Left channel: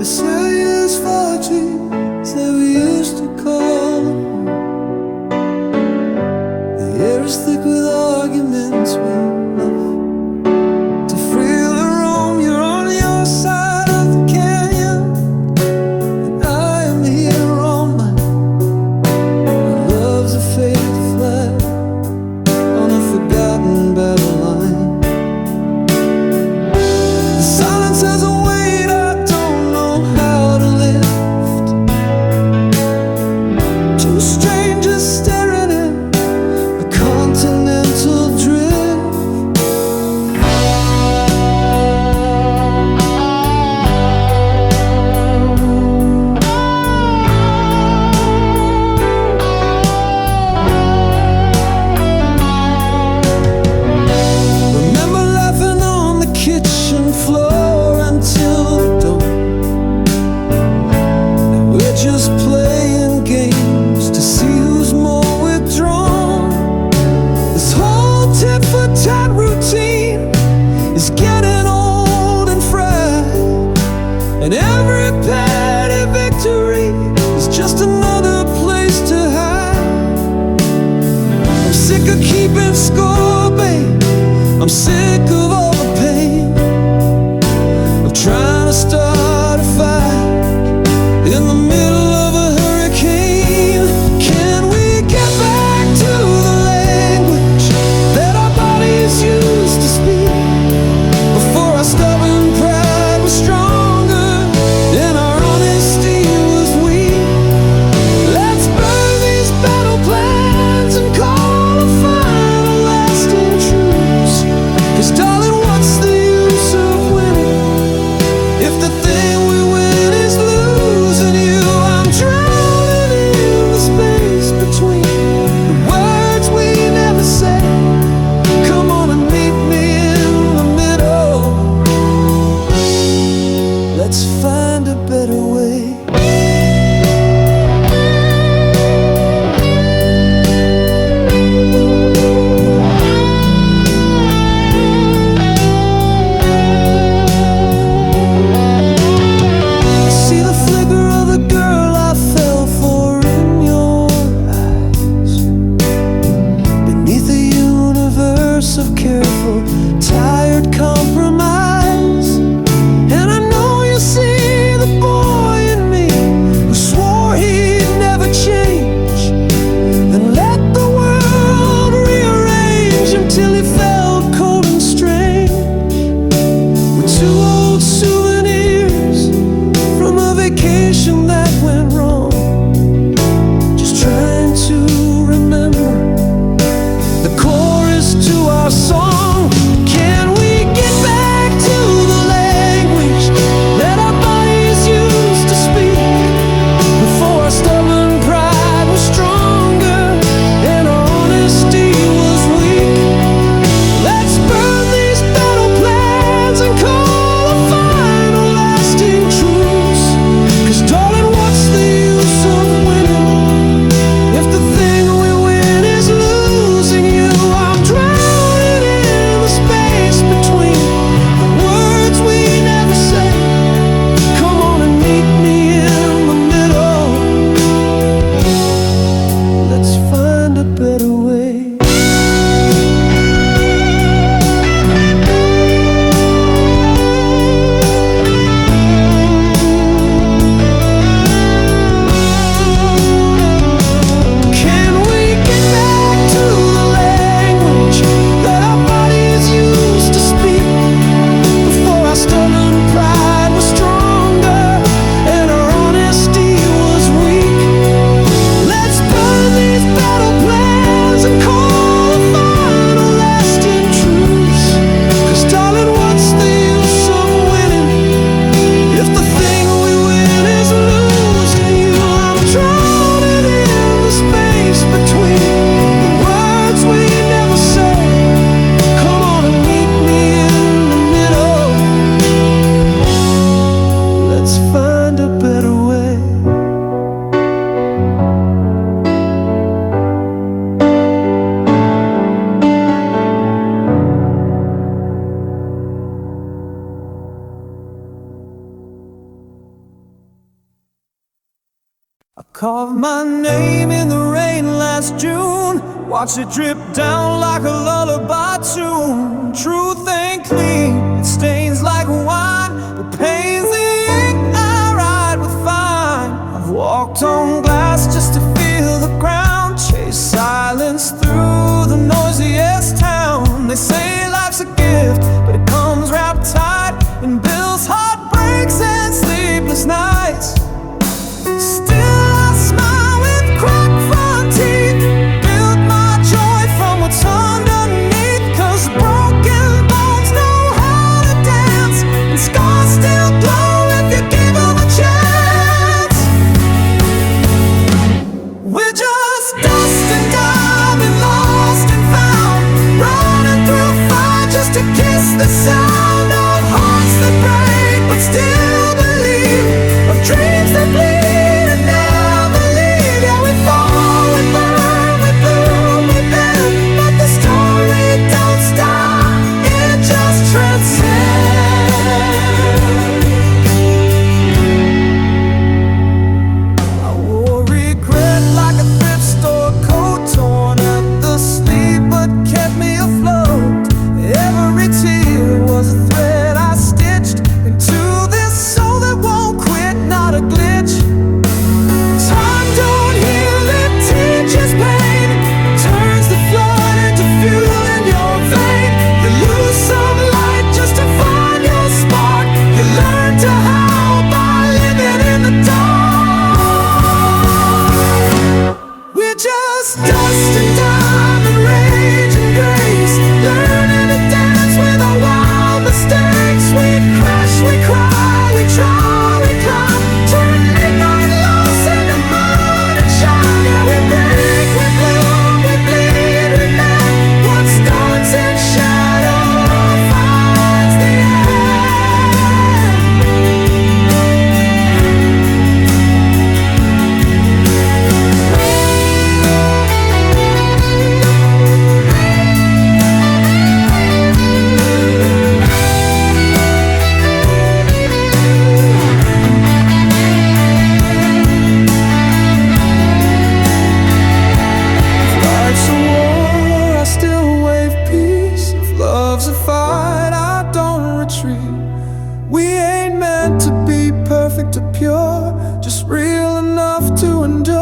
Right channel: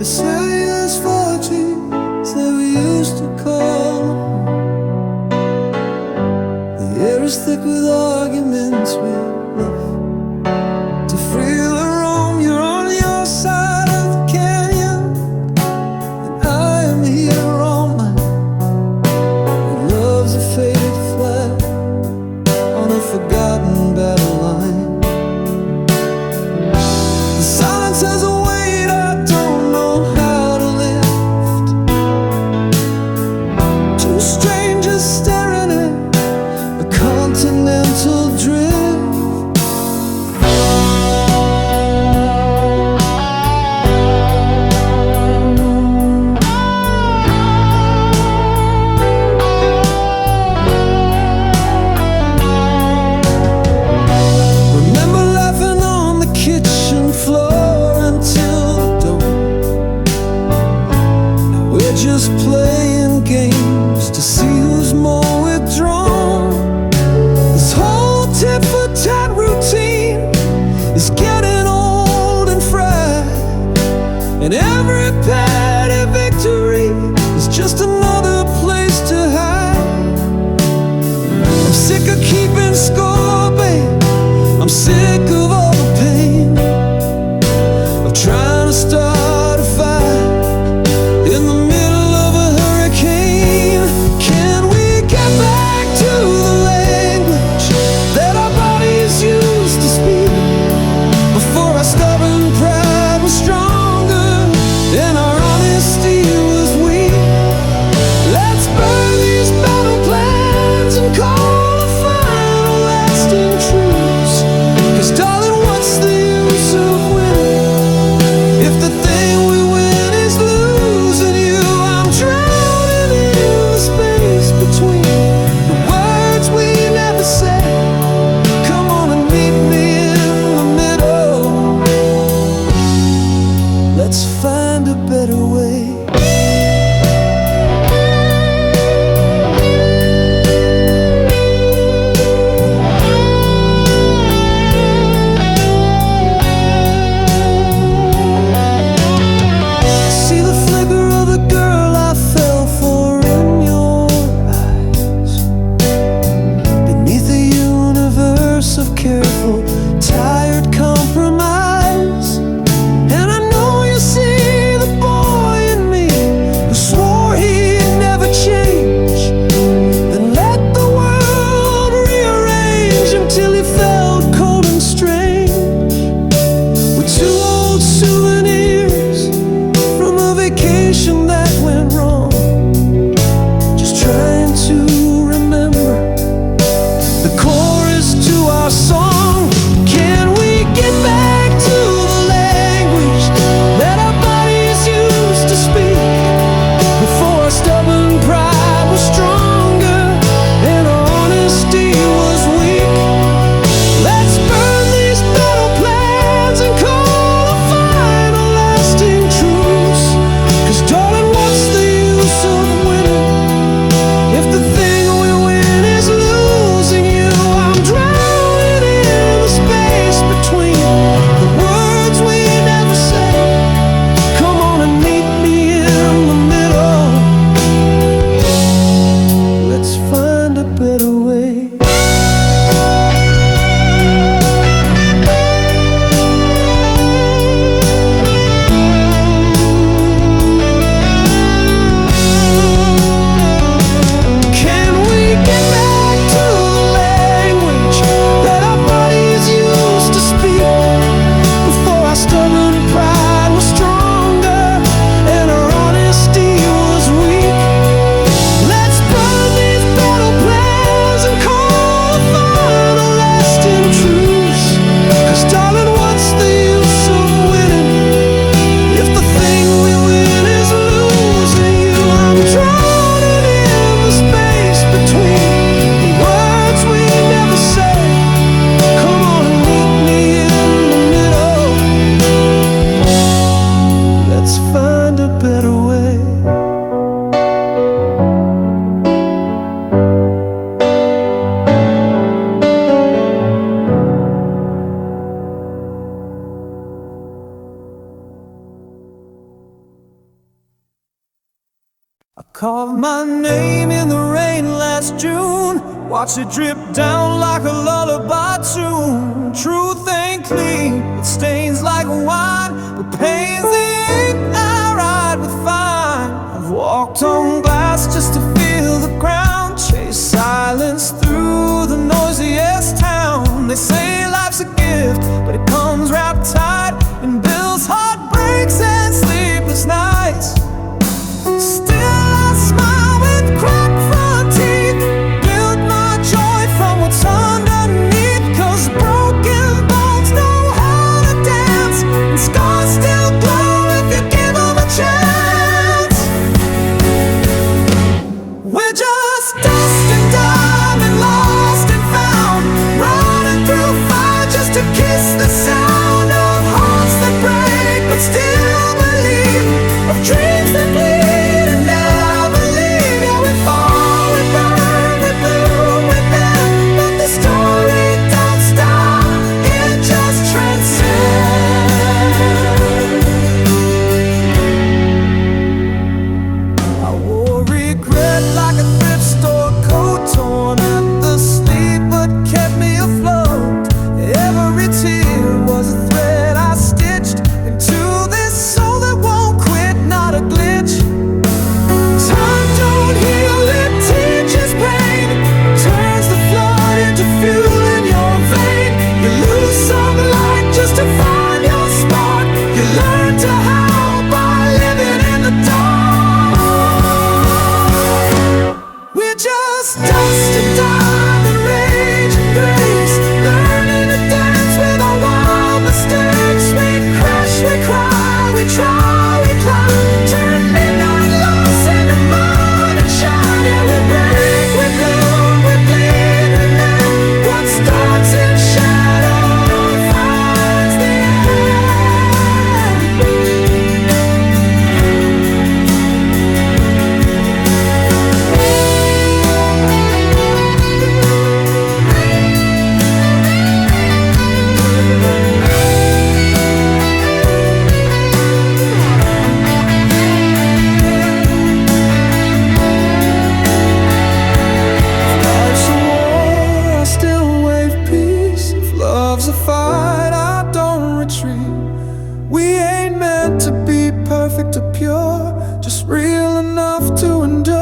Isaiah's 4 trees that we used to call home. The air is thick with arguments we love to freely roam. You're on your side of the canyon, and I am here on mine. And love's a faded flag on a forgotten battle line. The silence has a weight I don't know how to lift. Two strangers staring at a continental drift. Remember laughing on the kitchen floor until the dawn. Now we're just playing games to see who's more withdrawn. This whole tit-for-tat routine is getting old and fried, and every petty victory is just another place to hide. I'm sick of keeping score, babe. I'm sick of all the pain of trying to start a fire in the middle of a hurricane. Can we get back to the language that our bodies used to speak before our stubborn pride was stronger and our honesty was weak? Let's burn these battle plans and call a final lasting truce. 'Cause darling, what's the use of winning if the thing we win is losing you? I'm drowning in the space between the words we never say. Come on and meet me in the middle. Let's find a better way. Of careful, tired compromise. And I know you see the boy in me who swore he'd never change, then let the world rearrange him till he felt cold and strange. With two old souvenirs from a vacation that went wrong, just trying to remember the chorus to our song. Can we get back to the language that our bodies used to speak before our stubborn pride was stronger and our honesty was weak? Let's burn these battle plans and call a final lasting truce. 'Cause darling, what's the use of winning if the thing we win is losing you? I'm drowning in Carved my name in the rain last June. Watched it drip down like a lullaby tune. Truth ain't clean, it stains like wine, but pain's the ink I write with fine. I've walked on glass just to feel the ground, chased silence through the noisiest town. They say life's a gift, but it comes wrapped tight in bills, heartbreaks, and sleepless nights. Still I smile with cracked front teeth, build my joy from what's underneath. 'Cause broken bones know how to dance, and scars still glow if you give them a chance. We're just dust and diamond, lost and found, running through fire just to kiss the sound of hearts that break but still believe, of dreams that bleed. Into this soul that won't quit, not a glitch. Time don't heal, it teaches pain, turns the flood into fuel in your vein. You lose some light just to find your spark. You learn to howl by living in the dark. We're just dust and diamond, rage and grace, learning to dance with our wild mistakes. We cry, we try, we climb, turn midnight loss into mud and shine. Yeah, we break, we bloom, we bleed, we mend. What starts in shadow finds the end. Love's a fight, I don't retreat. We ain't meant to be perfect or pure, just real enough to endure.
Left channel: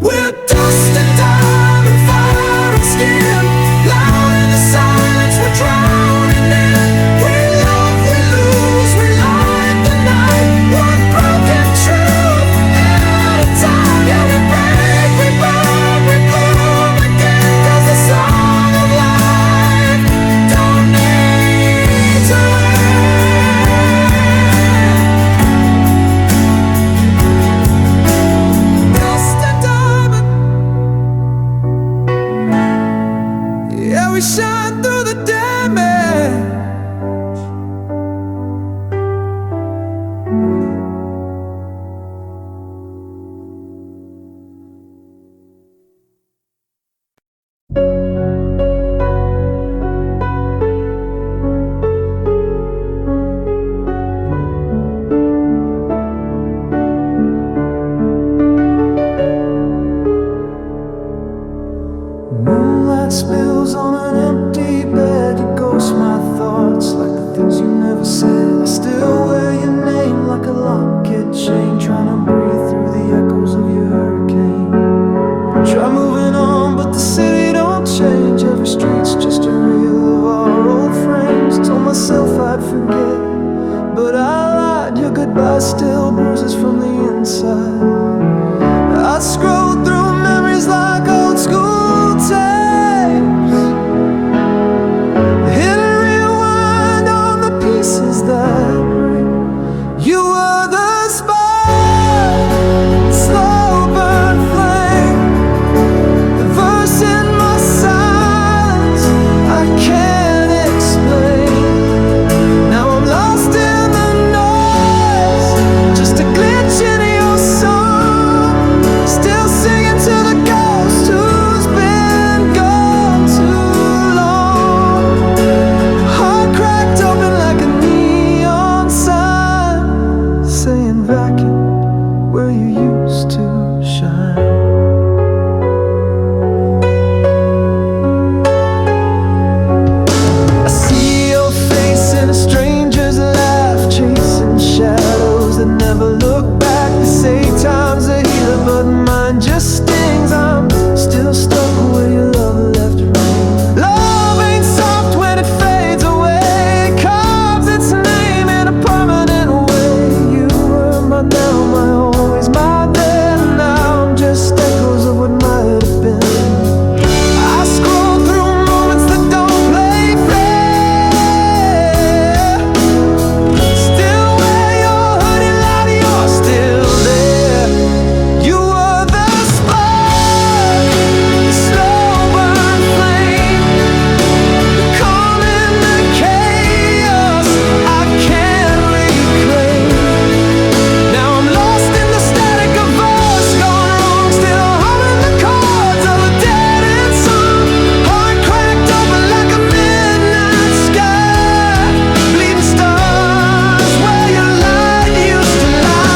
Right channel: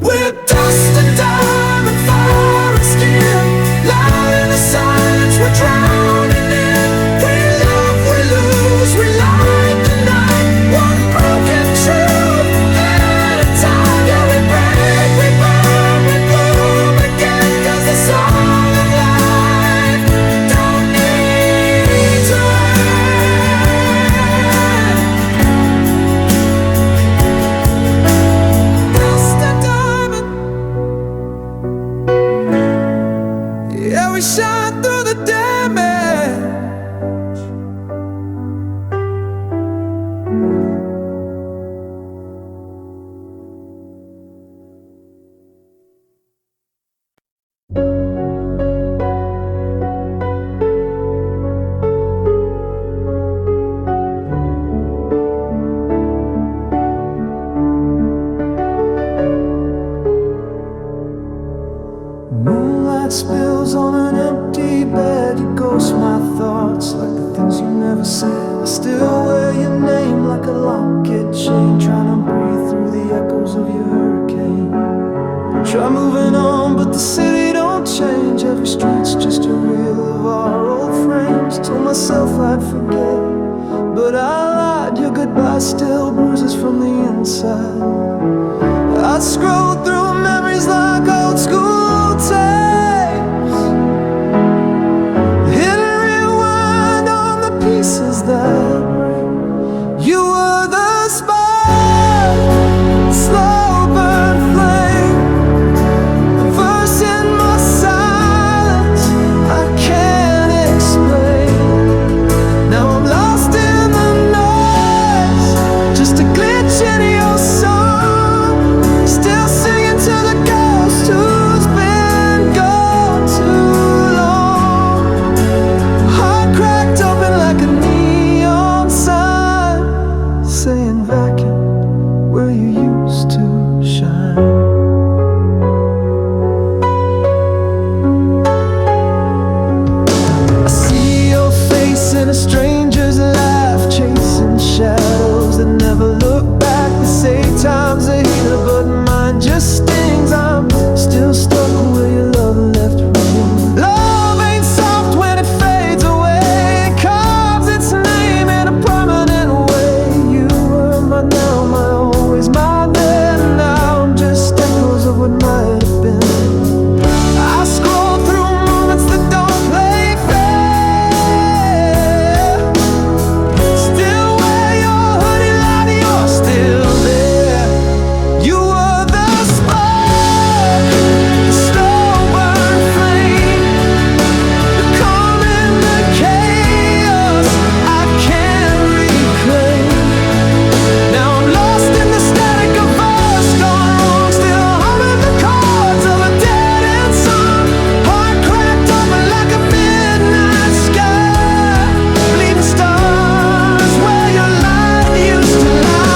We're dust and diamond, fire and skin, loud in the silence we're drowning in. We love, we lose, we light the night, one broken truth at a time. Yeah, we break, we burn, we bloom again. 'Cause the song of life don't need to end. Dust and diamond, yeah, we shine through the damage. Moonlight spills on an empty bed. You ghost my thoughts like the things you never said. I still wear your name like a locket chain, trying to breathe through the echoes of your hurricane. Try moving on, but the city don't change. Every street's just a reel of our old frames. Told myself I'd forget, but I lied. Your goodbye still bruises from the inside. I scroll through memories like old school tapes, hit and rewind on the pieces that break. You were the spark, slow burn flame, the verse in my silence I can't explain. Now I'm lost in the noise, just a glitch in your song, still singing to the ghost who's been gone too long. Heart cracked open like a neon sign, saying vacant, where time's a healer, but mine just stings. I'm still stuck where your love left rain. Love ain't soft when it fades away. It carves its name in a permanent way. You were my now, my always, my then. Now I'm just echoes of what might have been. I scroll through moments that don't play fair. Still wear your hoodie light, you're still there. You were the spark, the slow burn flame, the calm in the chaos I can't reclaim. Now I'm lost in the static of us gone wrong, still humming the chords of a dead-end song. Heart cracked open like a midnight sky, bleeding stars where your light used to lie.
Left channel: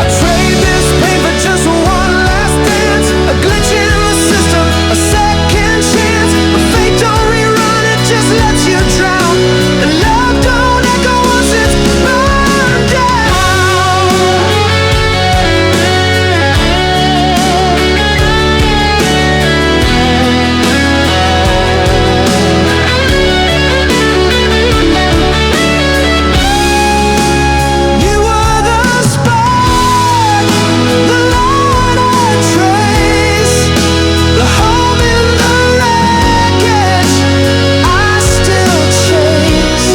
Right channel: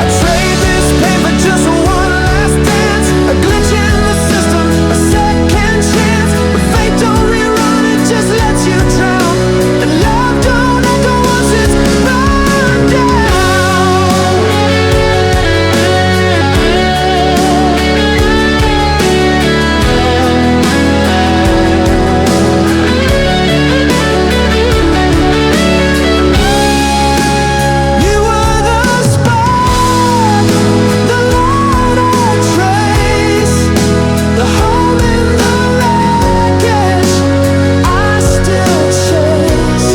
I trade this pain for just one last dance, a glitch in the system, a second chance. But fate don't rerun, it just lets you drown. And love don't echo once it's burned down. You were the spark, the light I trace, the home in the wreckage I still chase.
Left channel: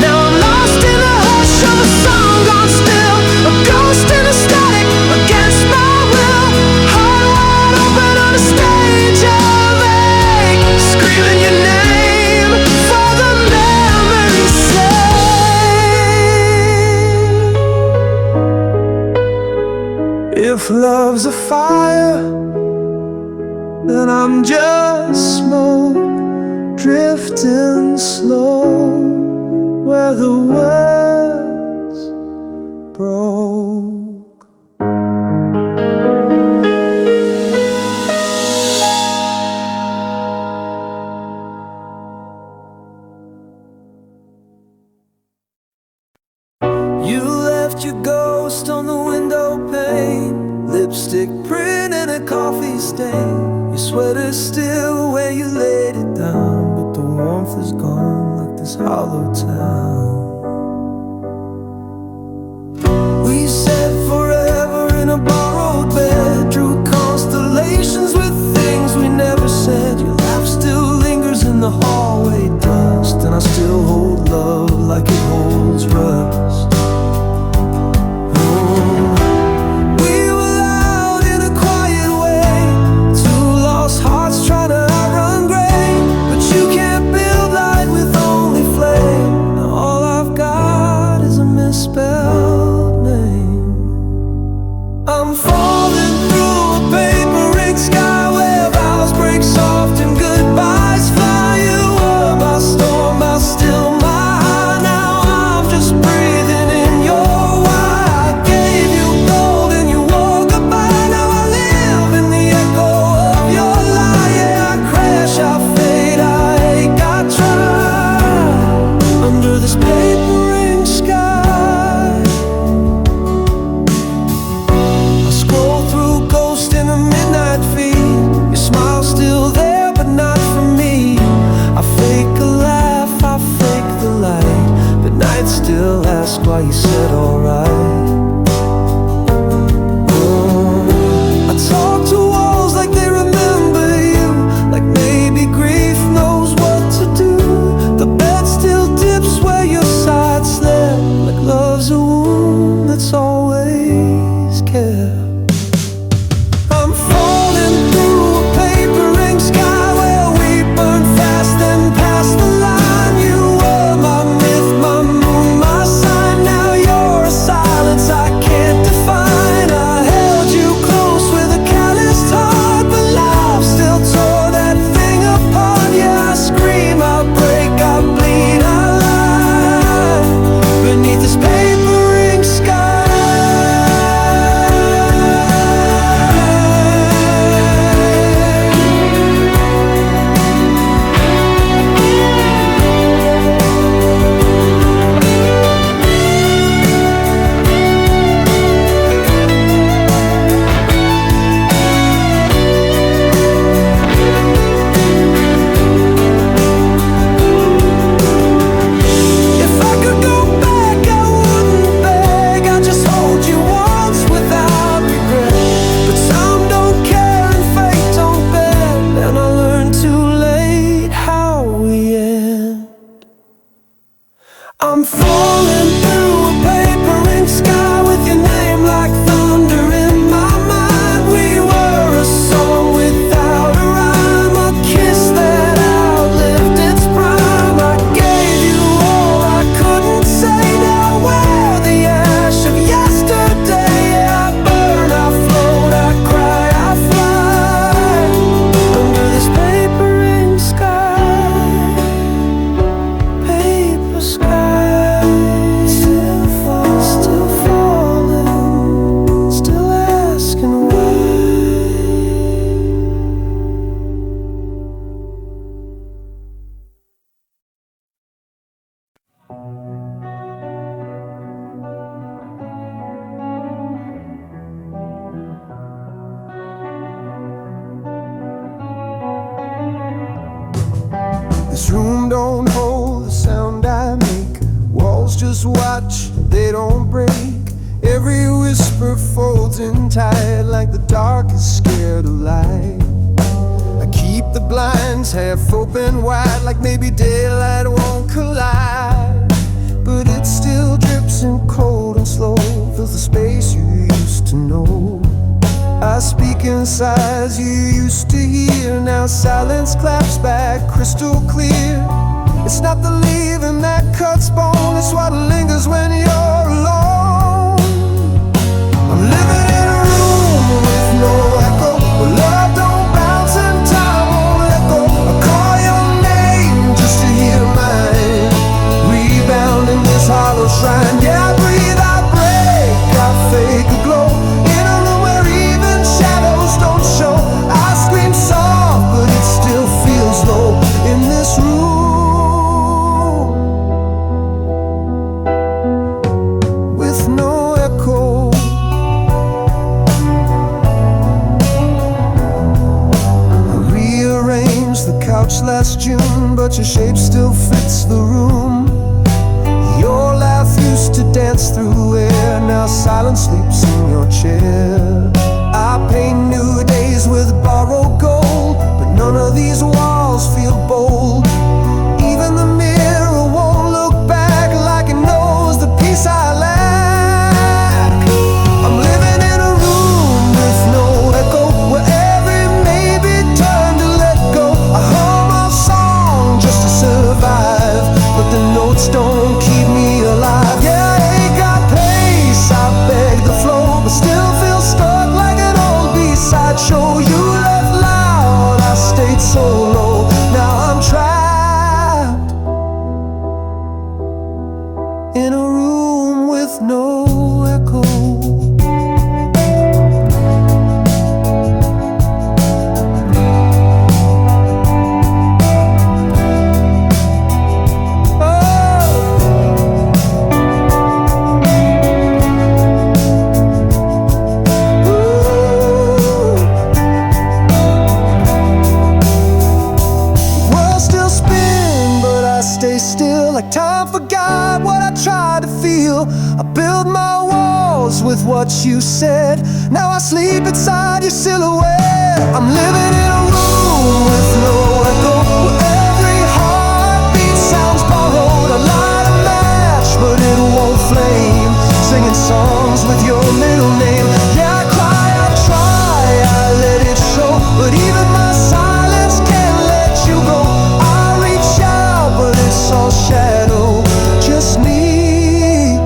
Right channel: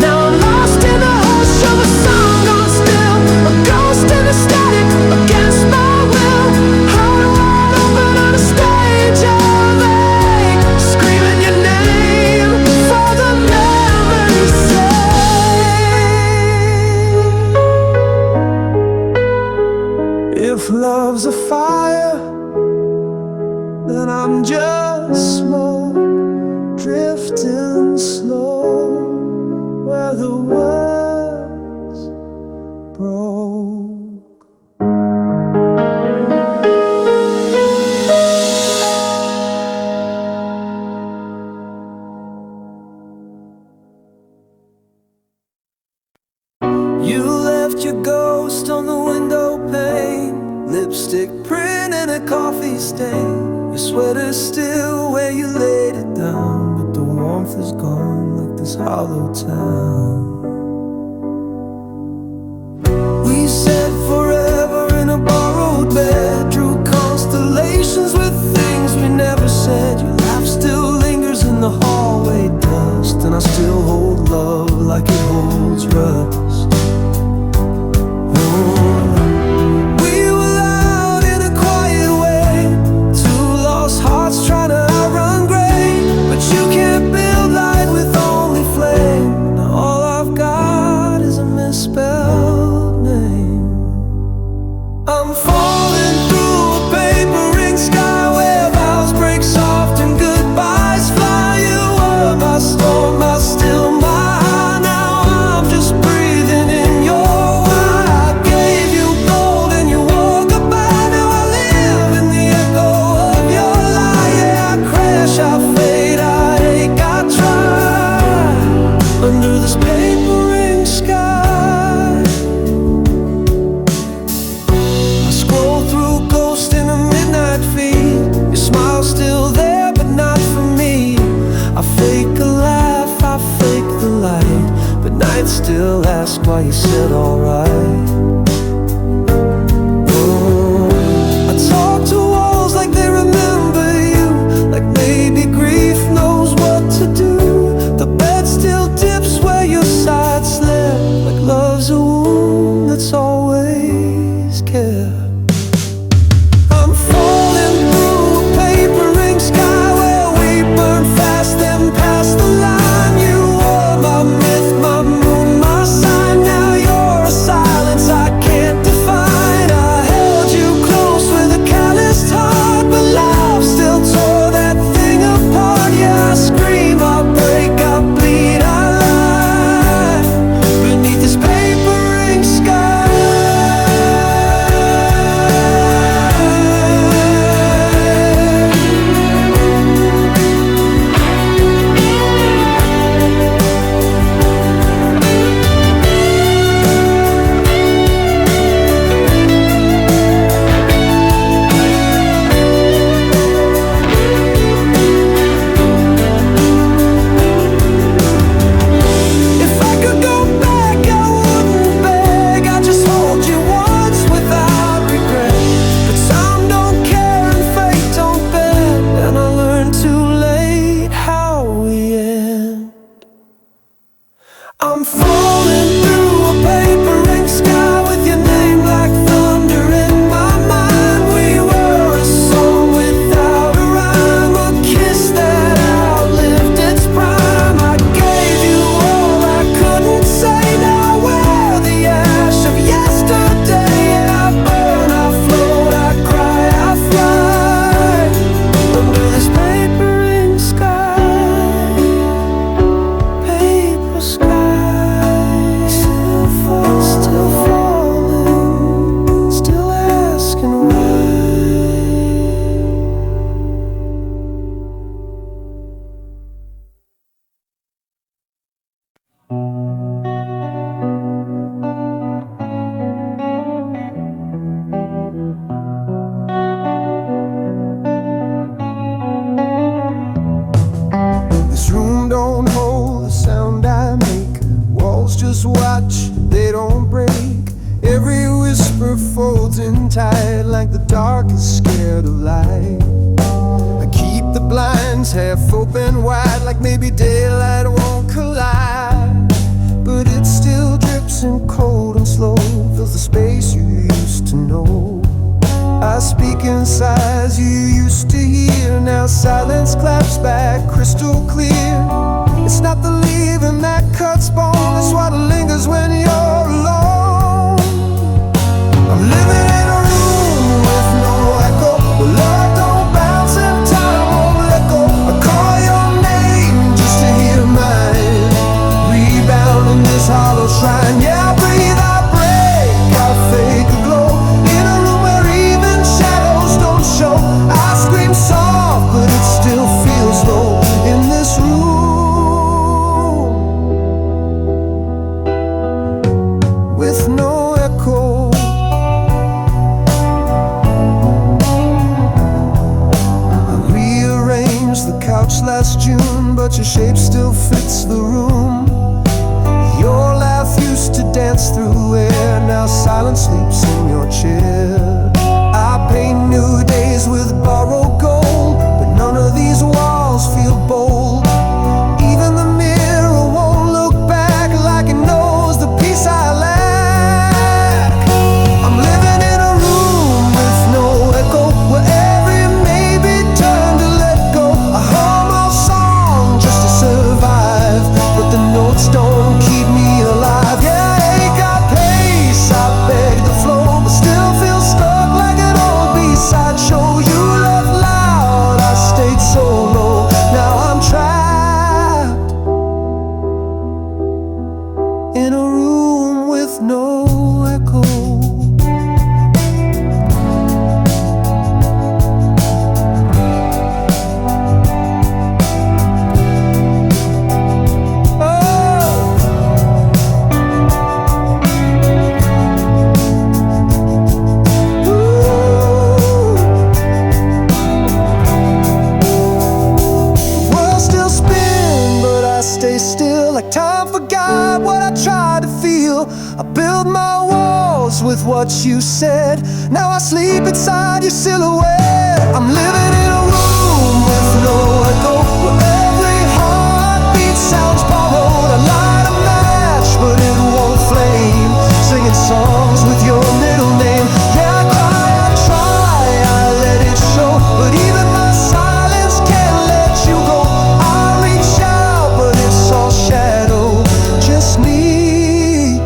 Now I'm lost in the hush of a song gone still, a ghost in the static against my will. Heart wide open on a stage of ache, screaming your name for the memory's sake. If love's a fire, then I'm just smoke drifting slow where the words broke. You left your ghost on the window pane, lipstick print and a coffee stain. Your sweater's still where you laid it down, but the warmth is gone like this hollow town. We said forever in a borrowed bed, drew constellations with things we never said. Your laugh still lingers in the hallway dust, and I still hold love like it holds rust. We were loud in a quiet way, two lost hearts trying to outrun gray. But you can't build light with only flame. Now all I've got is a misspelled name. I'm falling through a paper ring sky where vows break soft and goodbyes fly. You were my storm, my still, my high. Now I'm just breathing in your why. I gave you gold and you wore goodbye. Now I live in the echo of your lie. Yeah, I crash, I fade, I ache, I try under this paper ring sky. I scroll through ghost in a midnight feed. Your smile's still there, but not for me. I fake a laugh, I fake the light, but nights still ask why you said alright. I talk to walls like they remember you, like maybe grief knows what to do. The bed still dips where your side slept, like love's a wound that's always kept. I'm falling through a paper ring sky where we burn fast then past the line. You were my myth, my moon, my sign. Now you're a silence I can't define. I held you close with a calloused heart, but love still tore that thing apart. Yeah, I scream, I break, I bleed, I lie beneath this paper ring sky. don't hold the sound I make. Walls just watch, they don't break. Every whisper folds in tight, like the dark is scared of light. I keep the blinds half open wide, like maybe daylight won't collide. But it still drips in cold and slow, fills the space you used to know. I speak in sighs you used to hear, now silence claps back crystal clear. It's not the leaving that cuts bone, it's what lingers when you're alone. I'm living in a room with no echo, where love don't bounce and time won't let go. I call your name just to hear mine, rebound in this hollow shrine. Yeah, I breathe, I break, I fake a glow, in a room where even shadows don't show. I scream soft, but it still feels low in this room with no echo. I rearranged the couch last June, but your shape still fits the room. Your laugh used to dance through air, now silence sleeps in your chair. I paint new days with borrowed gold, but none of these walls feel bold. Even the mirror won't look back, like it knows the peace I lack. I'm living in a room with no echo, where every maybe turn to let go. I hum a song just to survive, but the notes don't keep me alive. Yeah, I ain't got pace, I beg the flow, but still feel stuck like an old B-side show. You left loud, I stayed so low, now I'm trapped in a room with no echo. Stay still, like time forgot what I tried to feel. I built my walls with what you said, now I sleep inside your silhouette. I'm living in a room with no echo, where every heartbeat sounds borrowed. I light a match, but it won't flame, singing songs with your middle name. Yeah, I cry, I try, I let it show, but even my silence can't let you go. I reach out, but it's all shadow, just me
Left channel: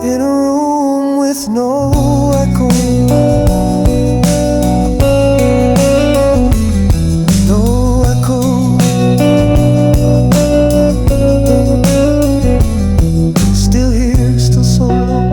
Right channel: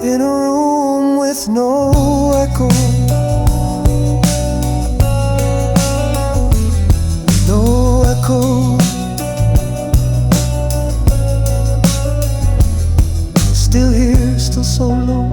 in a room with no echo. No echo. Still here, still so low.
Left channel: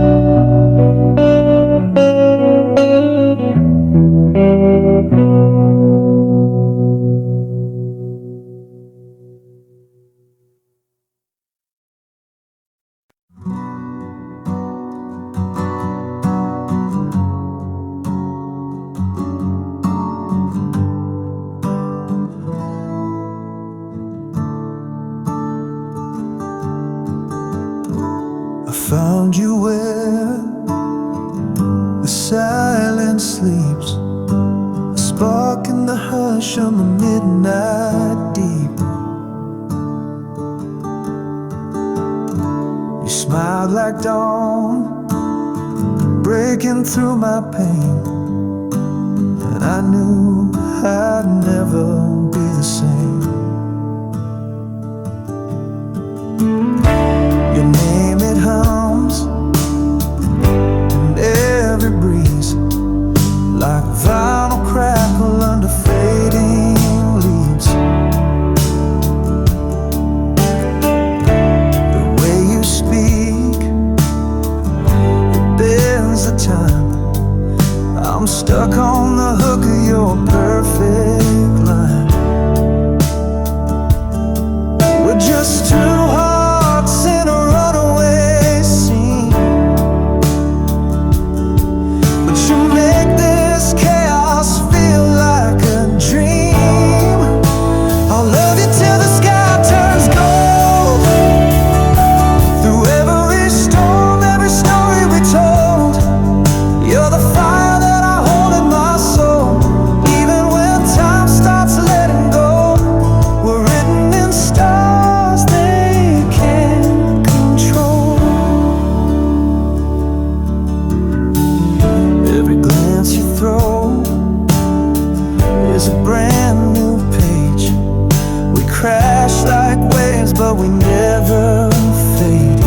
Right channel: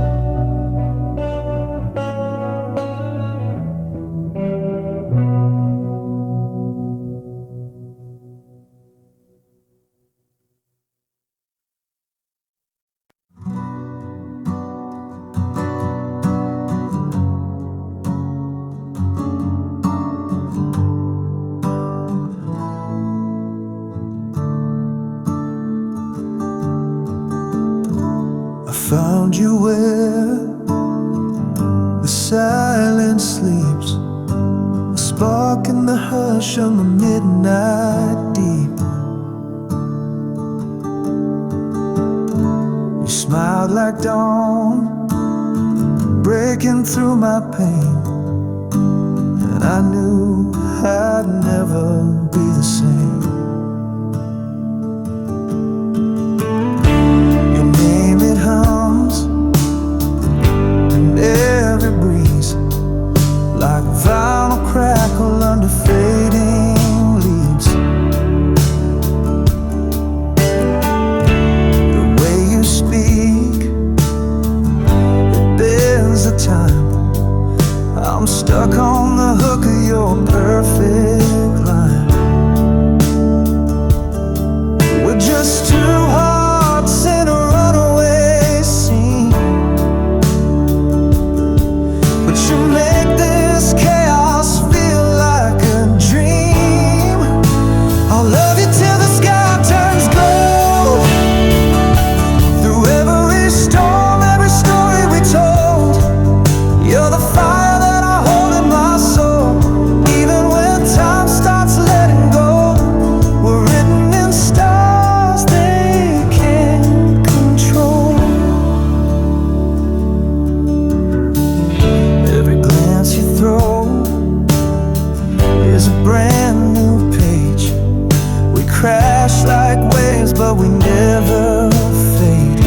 Found you where the silence sleeps, a spark in the hush on the midnight deep. You smiled like dawn, breaking through my pain, and I knew I'd never be the same. Your name, it hums in every breeze, like vinyl crackle under fading leaves. The way you speak, it bends the time. I'm stuck on the hook of your perfect line. We're just two hearts in a runaway scene, but you make this chaos feel like a dream. is a brand new page. We crash like waves, but we never fade.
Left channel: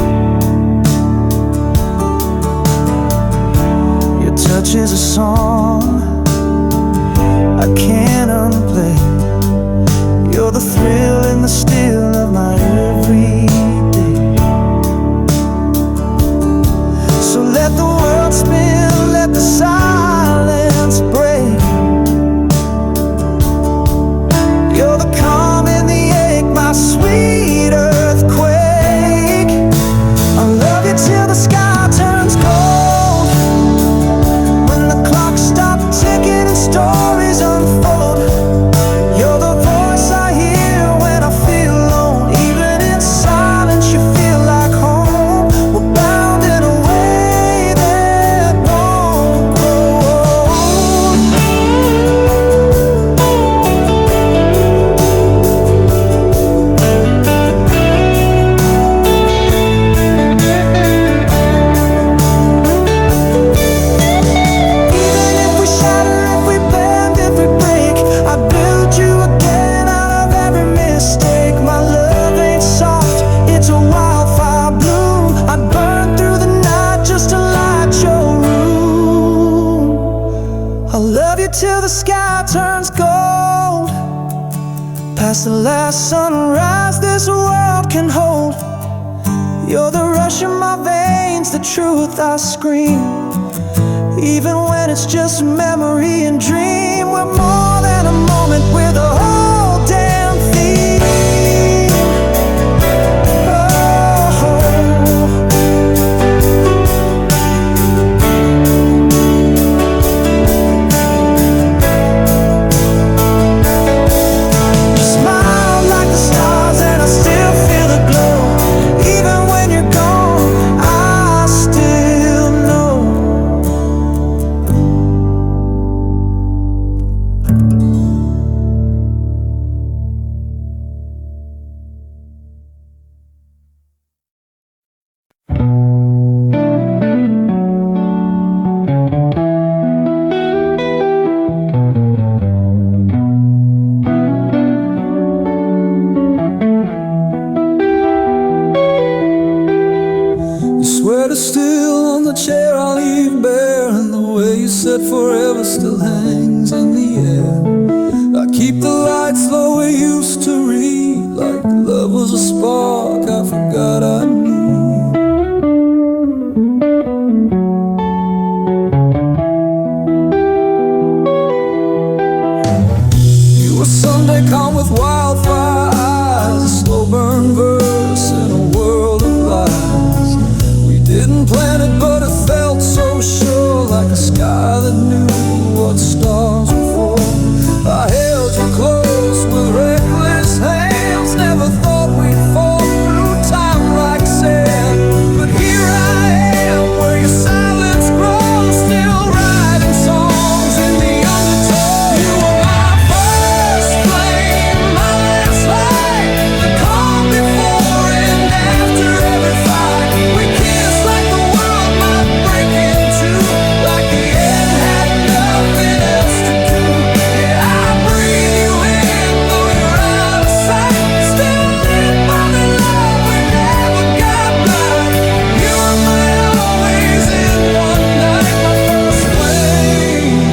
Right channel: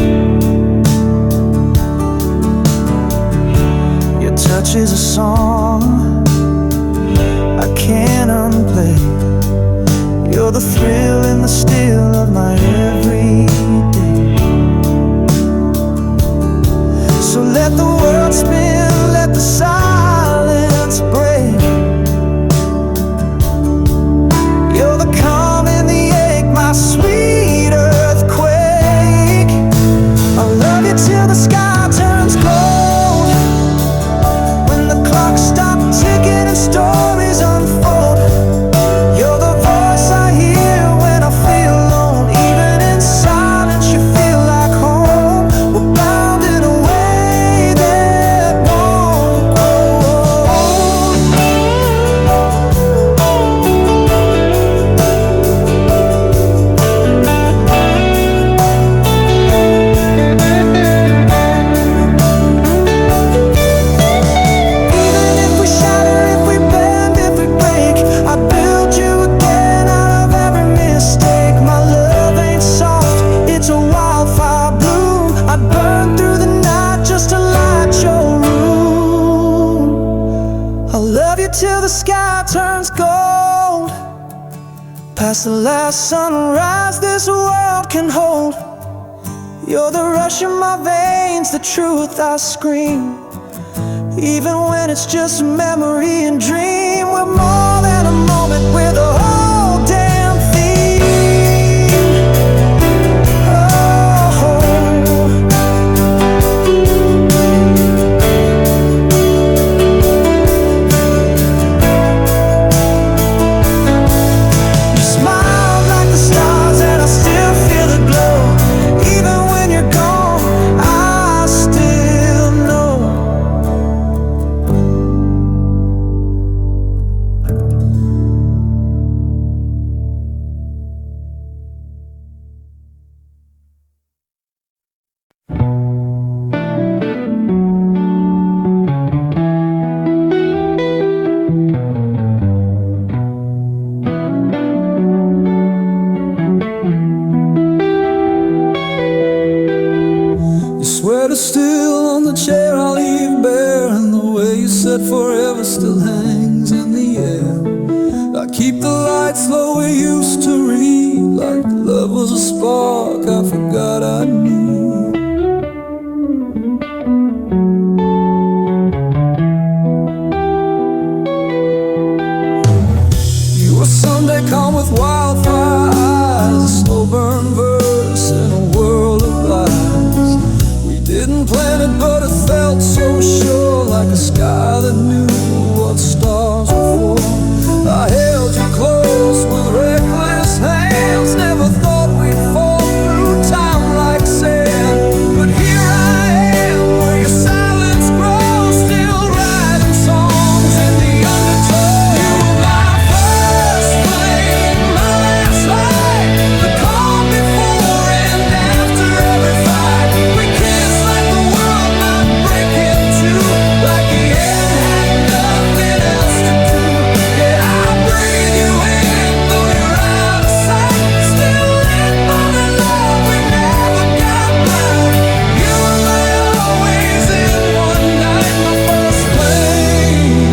Your touch is a song I can't unplay. You're the thrill and the still of my everyday. So let the world spin, let the silence break. You're the calm in the ache, my sweet earthquake. I'll love you till the sky turns gold, when the clock stops ticking and stories unfold. You're the voice I hear when I feel alone. Even in silence you feel like home. We're bound in a way that won't grow old. Even if we shatter, if we bend, if we break, I build you again out of every mistake. My love ain't soft, it's a wildfire bloom. I'd burn through the night just to light your room. I'll love you till the sky turns gold, past the last sunrise this world can hold. You're the rush in my veins, the truth I scream. Even when it's just a memory and dream, we're more than a moment, we're the whole damn theme. Oh, you smile like the stars and I still feel the glow. Even when you're gone, I still know. You swear to still on the chair I leave bare, and the way you said forever still hangs in the air. I keep the lights low we used to read, like love was a spark I forgot I knew. You were Sunday calm with wildfire eyes, a slow burn verse in a world of lies. We didn't plan it, but it felt so sure, like a sky that knew what stars were for. I held you close with reckless hands, never thought we'd fall through time like sand. But here I am, where your silence grows, still writing songs in the undertow. You were my first flame, my last light, the calm before and after every fight. We kissed like the world might break in two, like the end had nothing else to do. Yeah, I breathe you in, though you're out of sight, still lit by the love we never got right. You were my always in one night, my first flame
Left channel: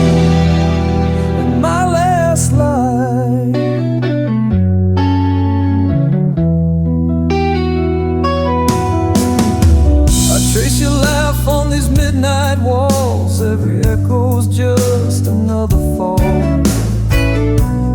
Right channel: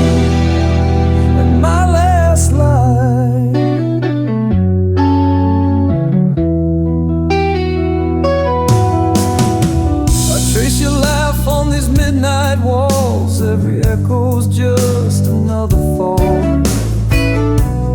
and my last light. I trace your laugh on these midnight walls, every echo's just another fall.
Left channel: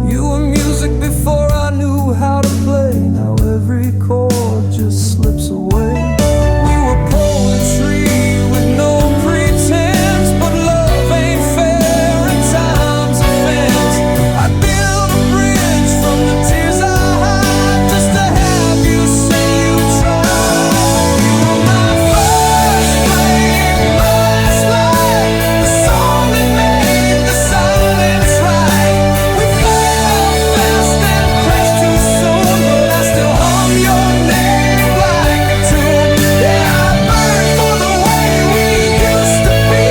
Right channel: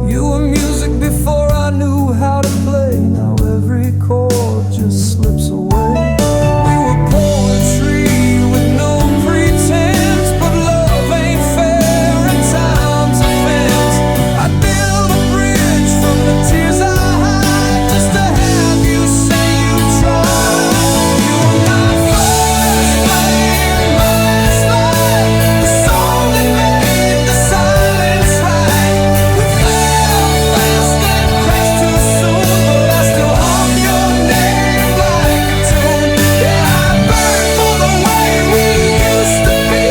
You were music before I knew how to play, now every chord just slips away. We were poetry with no pretense, but love ain't fair and time's a fence. I'd build a bridge from the tears I hide, just to have you say you tried. You were my first flame, my last light, the song that made the silence right. We fell fast and crashed too soon, but I still hum your name like a tune. Yeah, I burn for the way we used to be,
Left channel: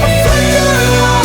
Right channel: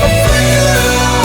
a flicker long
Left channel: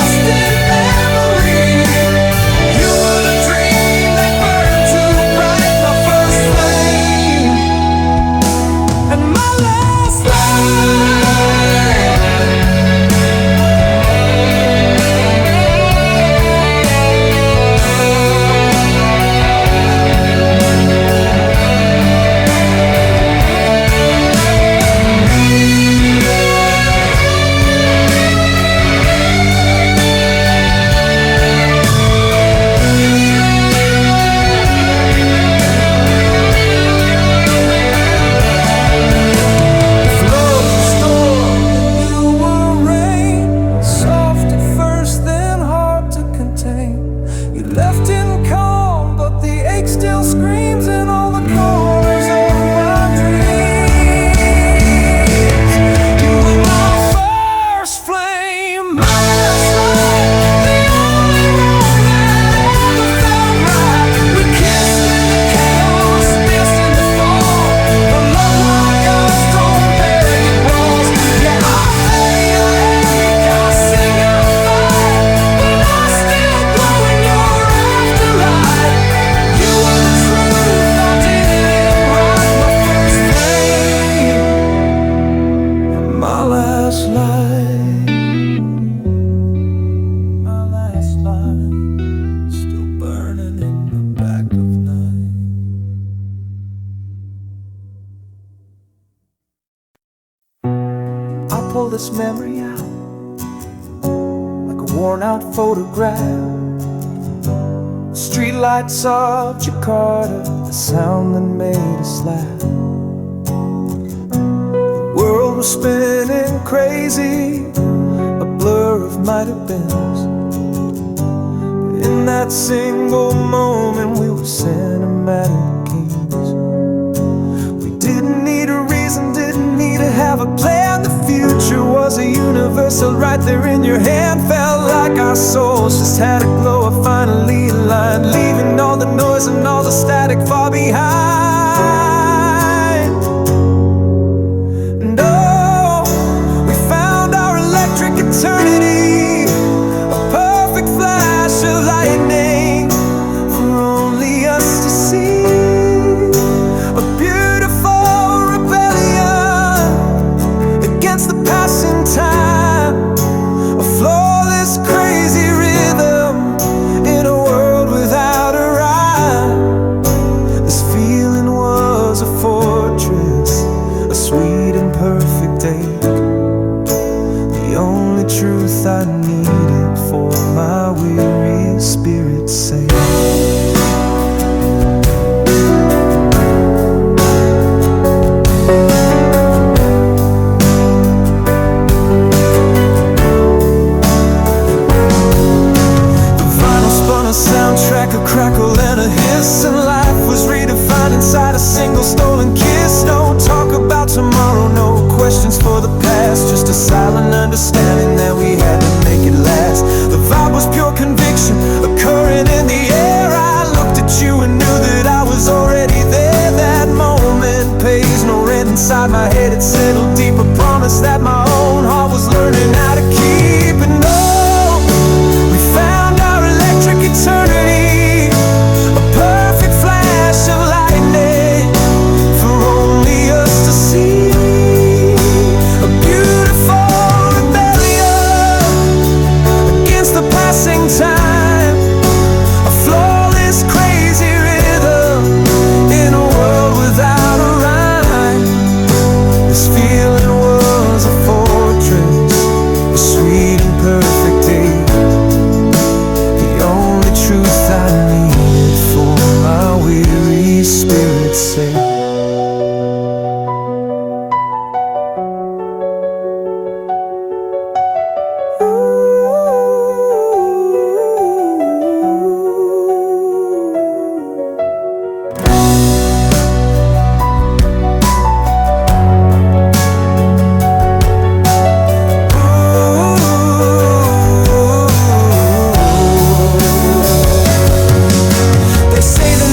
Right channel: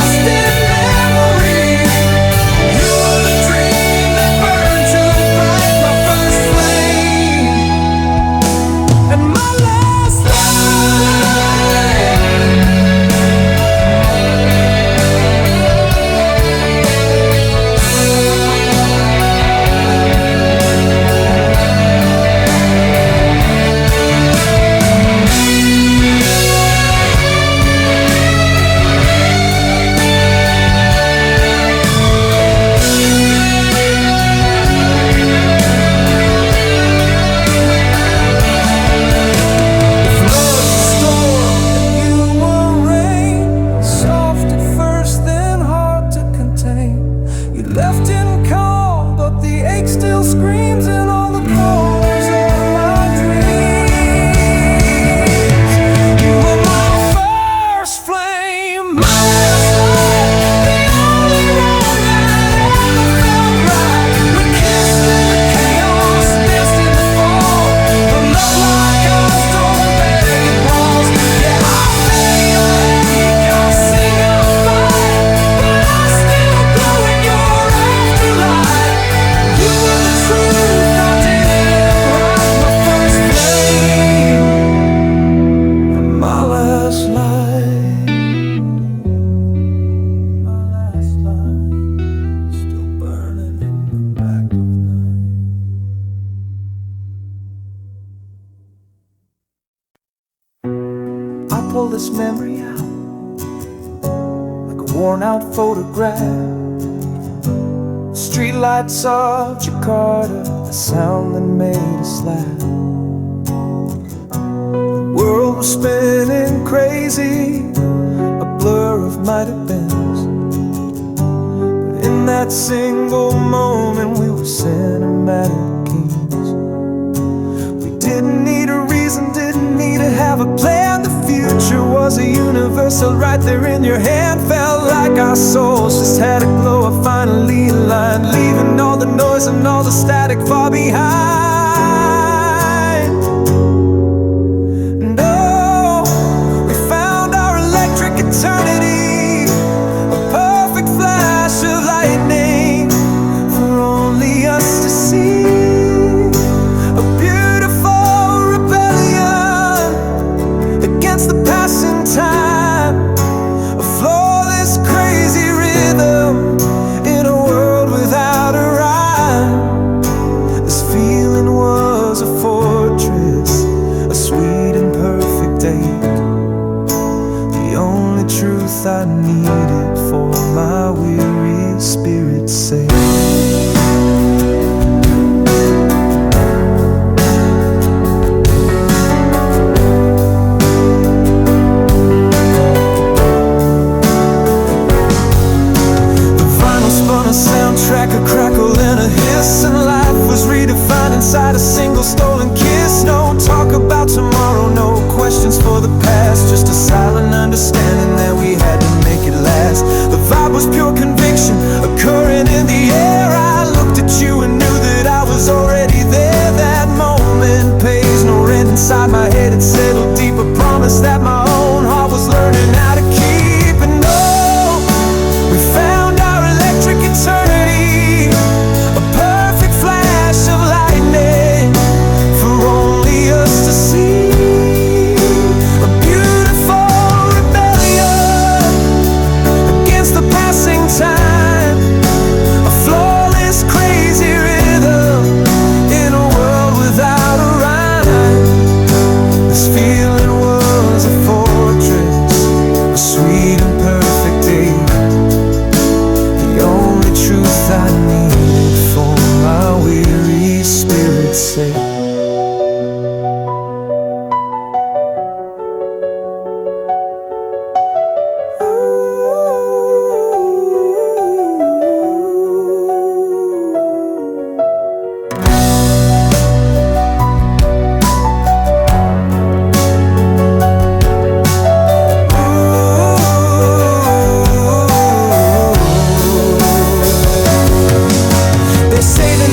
You left in calm, but the ache still screams in all the corners of my dreams. You were my first flame, my last light, the only wrong that ever felt right. We kissed in the chaos, danced in the fall, but love like ours don't beg, it brawls. Yeah, I fade, I ache, I sing, I fight, but I still glow in your afterlife. You were the truth, I didn't write. My first flame and my last light. My last light, still burning in the back of night. I pull this memory out like a worn out photograph. Streetlights of Jakarta, the sound that made us laugh. The world was spinning crazy, a blur of might have beens. But in that single moment we were cinematic kings. We didn't need a reason, didn't need to have a plan. The future was a universal right there in your hand. Felt like our souls just had a glow, a finally aligned, leaving all the noise and all the static far behind. And oh, we found our electric eternity, a perfect flash of lightning for only us to see. A beautiful rebellion against the passing time, a flawless crazy rhythm in a world without a rhyme. This feeling was a fortress, a sweet and perfect ache, the only truth I needed for my weary spirit's sake. Spun a soundtrack, a crackle and a hiss, and life was redefined inside a single stolen kiss. No talk about tomorrow, no questions for the past, just a silent understanding that we had to make it last. The vibe was pure conviction, a current in the air. I looked at you and knew that I was already there. That moment pays no rent inside my head, it settled deep, a promise that my own heart was learning how to keep. And oh, we found our electric eternity, a perfect flash of lightning for only us to see. A beautiful rebellion against the passing time, a flawless crazy rhythm in a world without a rhyme. This feeling was a fortress, a sweet and perfect day, the only truth I needed for my weary spirit's sake.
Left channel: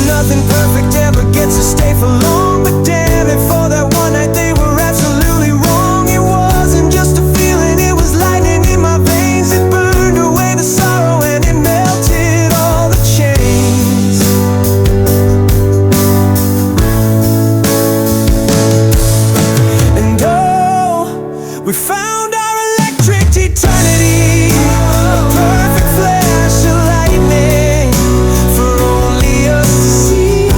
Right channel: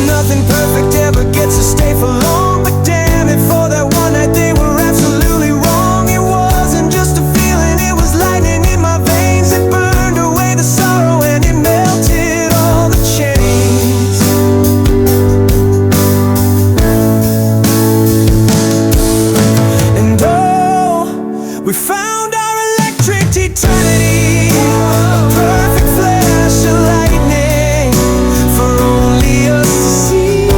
Nothing perfect ever gets to stay for long, but damn it, for that one night they were absolutely wrong. It wasn't just a feeling, it was lightning in my veins. It burned away the sorrow and it melted all the chains. And oh, we found our electric eternity, a perfect flash of lightning for only us to see.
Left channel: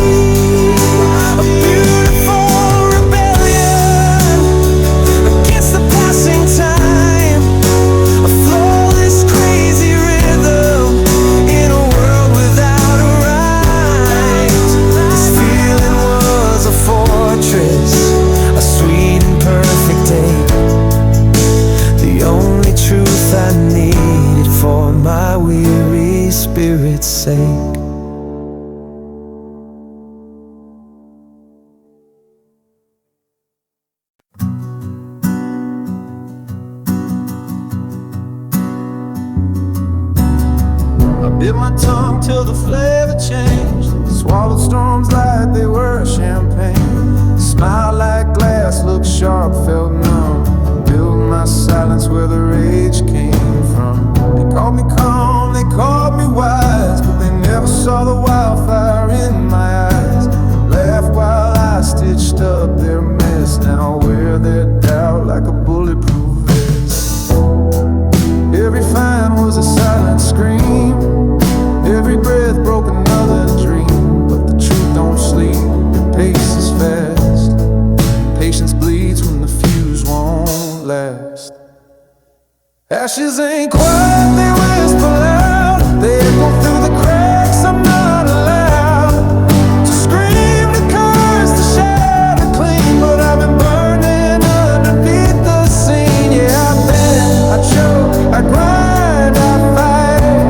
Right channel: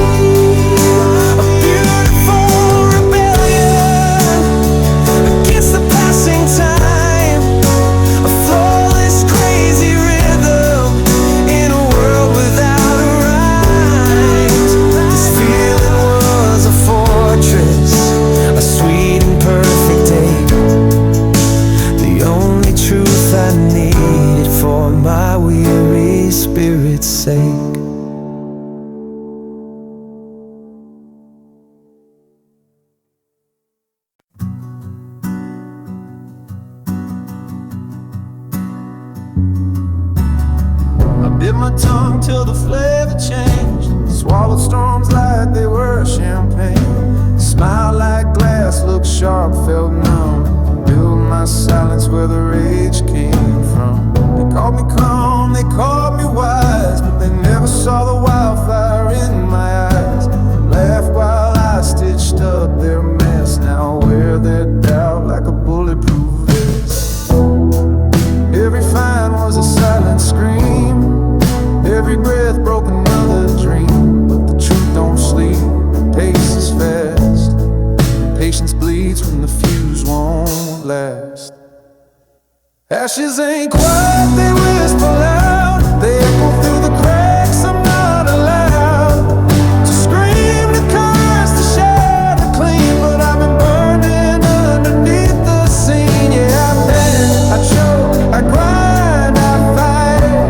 A beautiful spirit's sake. I bit my tongue till the flavor changed, swallowed storms like they were champagne. Smiled like glass, looked sharp, felt numb. Built my silence where the rage came from. They called me calm, they called me wise, but they never saw the wildfire in my eyes. Laughed while I stitched up their mess. Now wear their doubt like a bulletproof vest. Every fine was a silent scream. Every breath broke another dream. But the truth don't sleep, it paces fast. Patience bleeds when the fuse won't last. Ashes ain't quiet, they whisper loud. They echo through the cracks, I'm not allowed to scream, to curse, to shatter clean. But I've been burning underneath the scene. Yeah, I bend, I choke, I grind, I fight.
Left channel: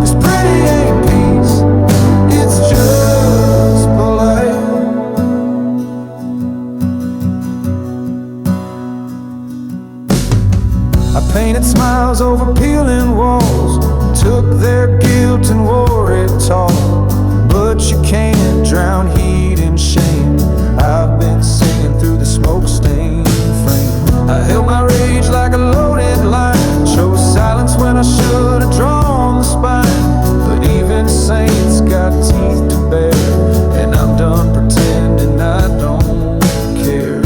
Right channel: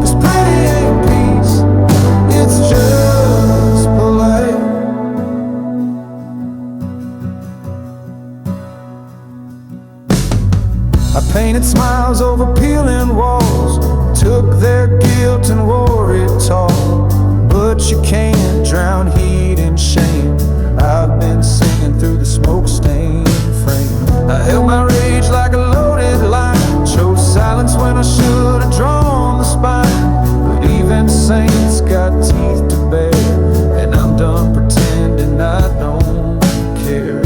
Cause pretty ain't peace, it's just polite. I painted smiles over peeling walls, took their guilt and wore it tall. But you can't drown heat in shame. I've been singing through the smoke-stained frame. I held my rage like a loaded line, chose silence when I should have drawn the spine. But even saints got teeth to bear, and I'm done pretending I don't care.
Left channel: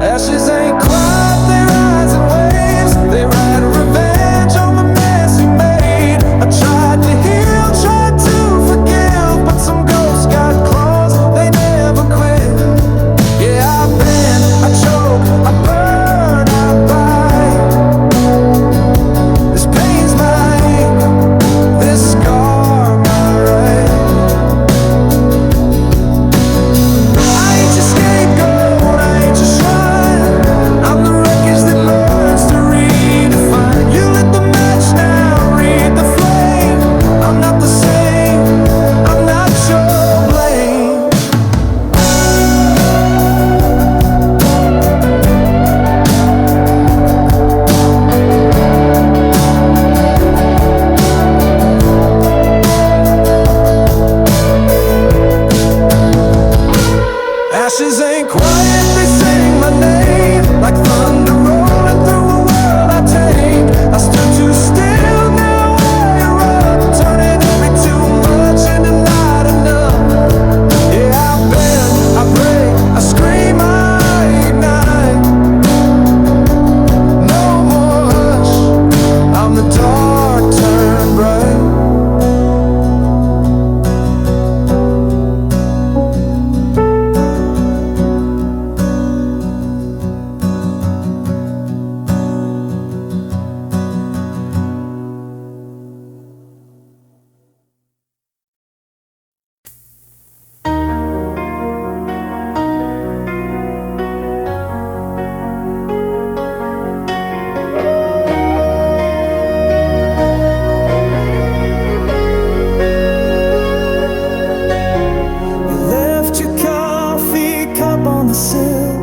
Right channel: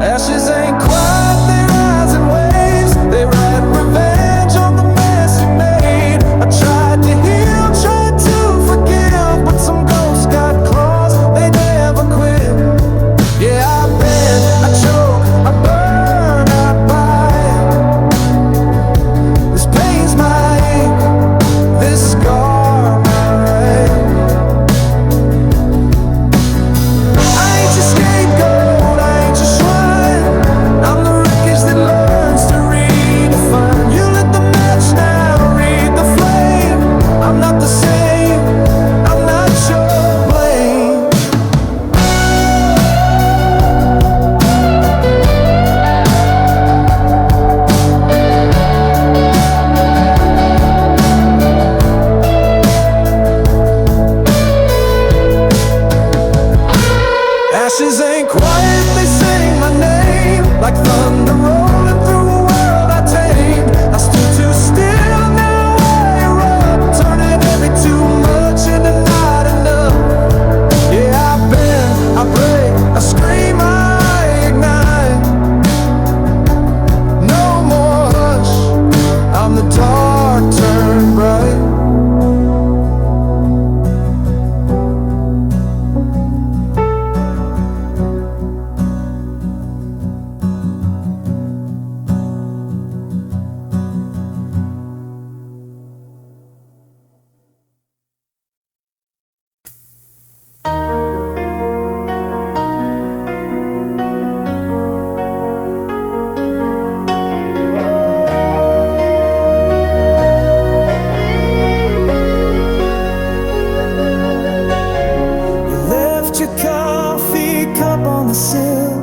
Ashes ain't quiet, they rise in waves. They ride revenge on the mess you made. I tried to heal, tried to forgive, but some ghosts got claws, they never quit. Yeah, I bend, I choke, I burn, I bite. This pain's my ink, this scar my right. I ain't your scapegoat, I ain't your shrine. I'm the wreckage that learns to redefine. You lit the match now, read the flame. I'm not the same, I'm not your blame. Ashes ain't quiet, they sing my name like thunder rolling through a world I tamed. I stood too still, now I erupt, turning every too much into not enough. Yeah, I bend, I break, I scream, I ignite. No more hush, I'm the dark turned bright. Your coffee cup on the sill,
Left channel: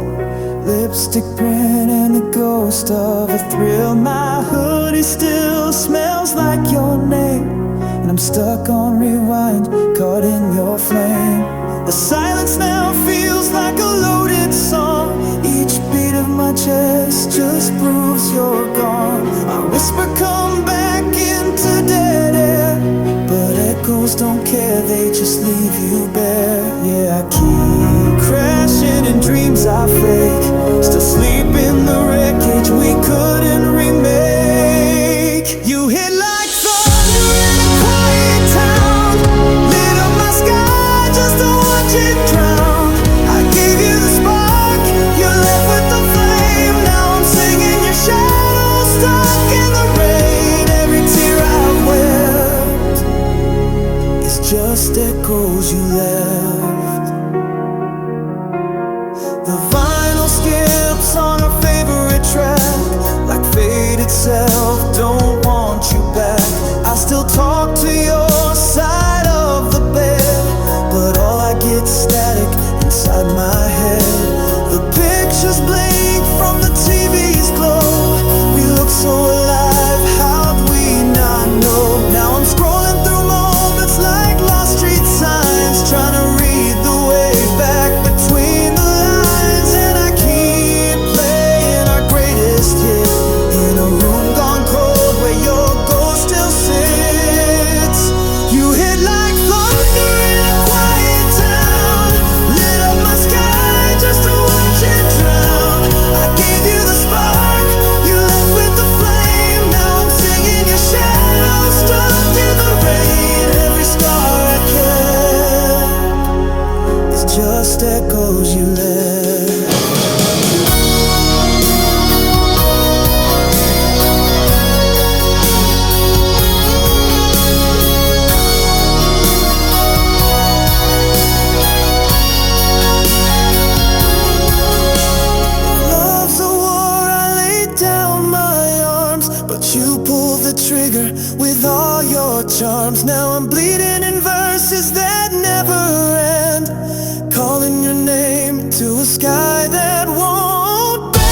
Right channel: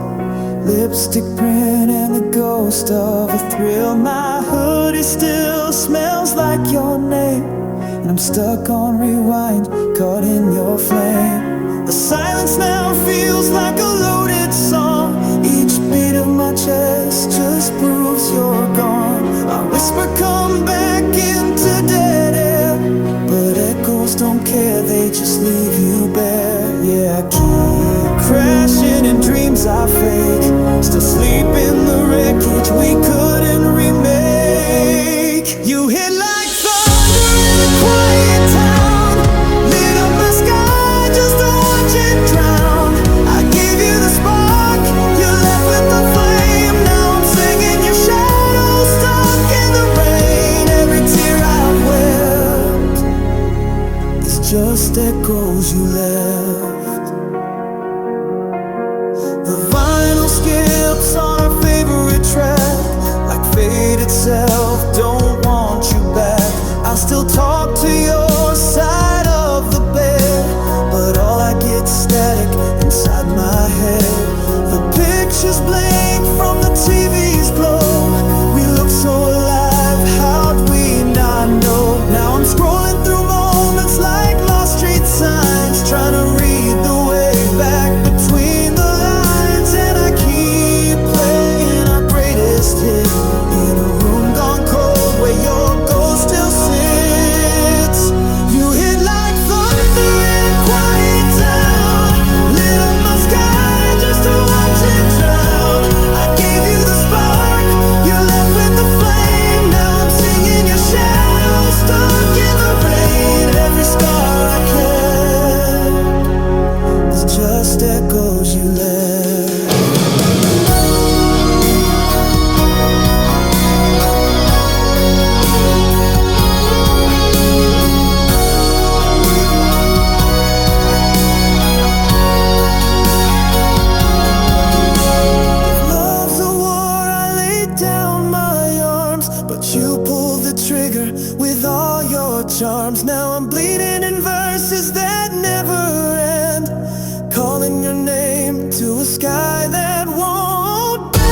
lipstick print and the ghost of a thrill. My hoodie still smells like your name, and I'm stuck on rewind, caught in your flame. The silence now feels like a loaded song. Each beat of my chest just proves you're gone. I whisper, come back into dead air, but echoes don't care, they just leave you bare. Yeah, I keep crashing in dreams I fake, still sleep in the wreckage we couldn't remake. You hit like thunder in a quiet town, lit up my sky just to watch it drown. I gave you the spark, you left with the flame. Now I'm singing your shadow, stuck in the rain. Every tear I've wept, it's just echoes you left. The vinyl skips on our favorite track, like fate itself don't want you back. I still talk to your side of the bed, but all I get's static inside my head. The pictures blink from the TV's glow. We look so alive, how'd we not know? Now I'm scrolling through moments like lost street signs, trying to read the way back between the lines. And I keep playing our greatest hit in a room gone cold where your ghost still sits. You hit like thunder in a quiet town, lit up my sky just to watch it drown. I gave you the spark, you left with the flame. Now I'm singing your shadow, stuck in the rain. Every scar I kept is just echoes you left. You pulled the trigger with all your charms. Now I'm bleeding in verses that never end, calling your name to a sky that won't bend.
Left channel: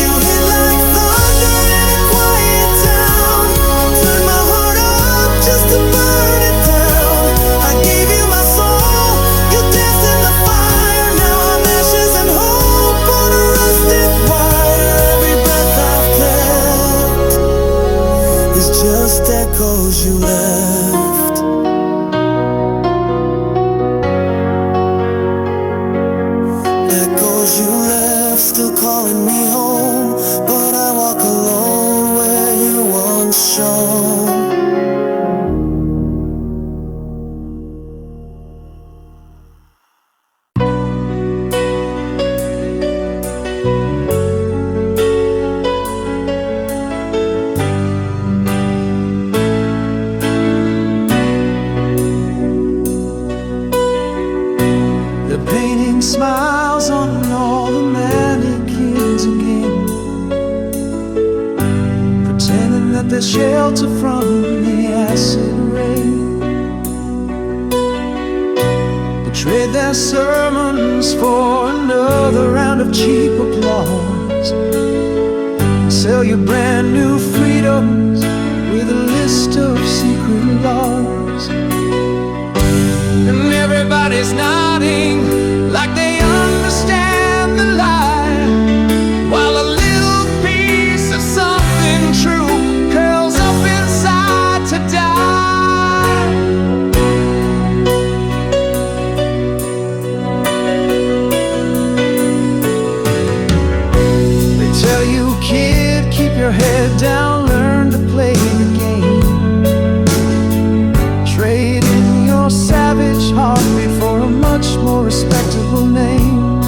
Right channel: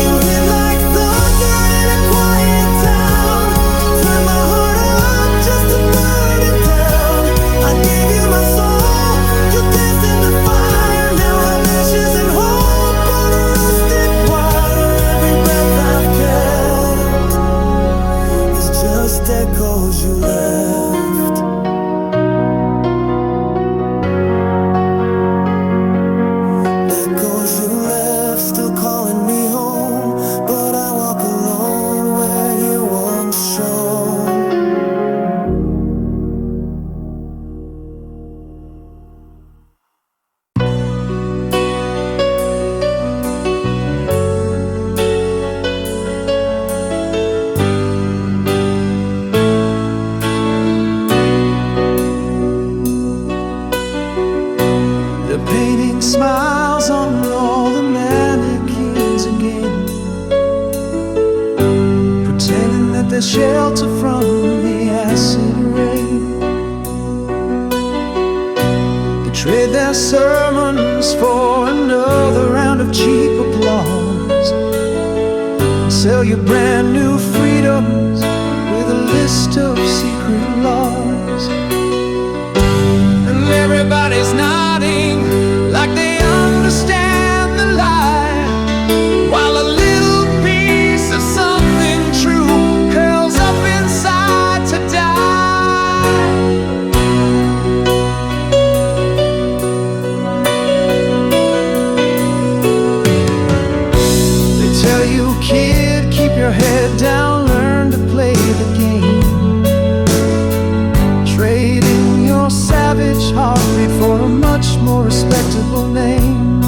You hit like thunder in a quiet town, turn my heart up just to burn it down. I gave you my soul, you danced in the fire. Now I'm ashes and hope on a rusted wire. Every breath I've kept is just echoes you left. Echoes you left, still calling me home, but I walk alone where you once shone. The painting smiles on all the mannequins again, pretending that they're shelter from the acid rain. They trade their sermons for another round of cheap applause, and sell you brand new freedoms with a list of secret laws. And everybody's nodding like they understand the lie, while a little piece of something true curls up inside to die. They tell you, kid, keep your head down, learn to play the game. Trade in your savage heartbeat for a much more respectable name.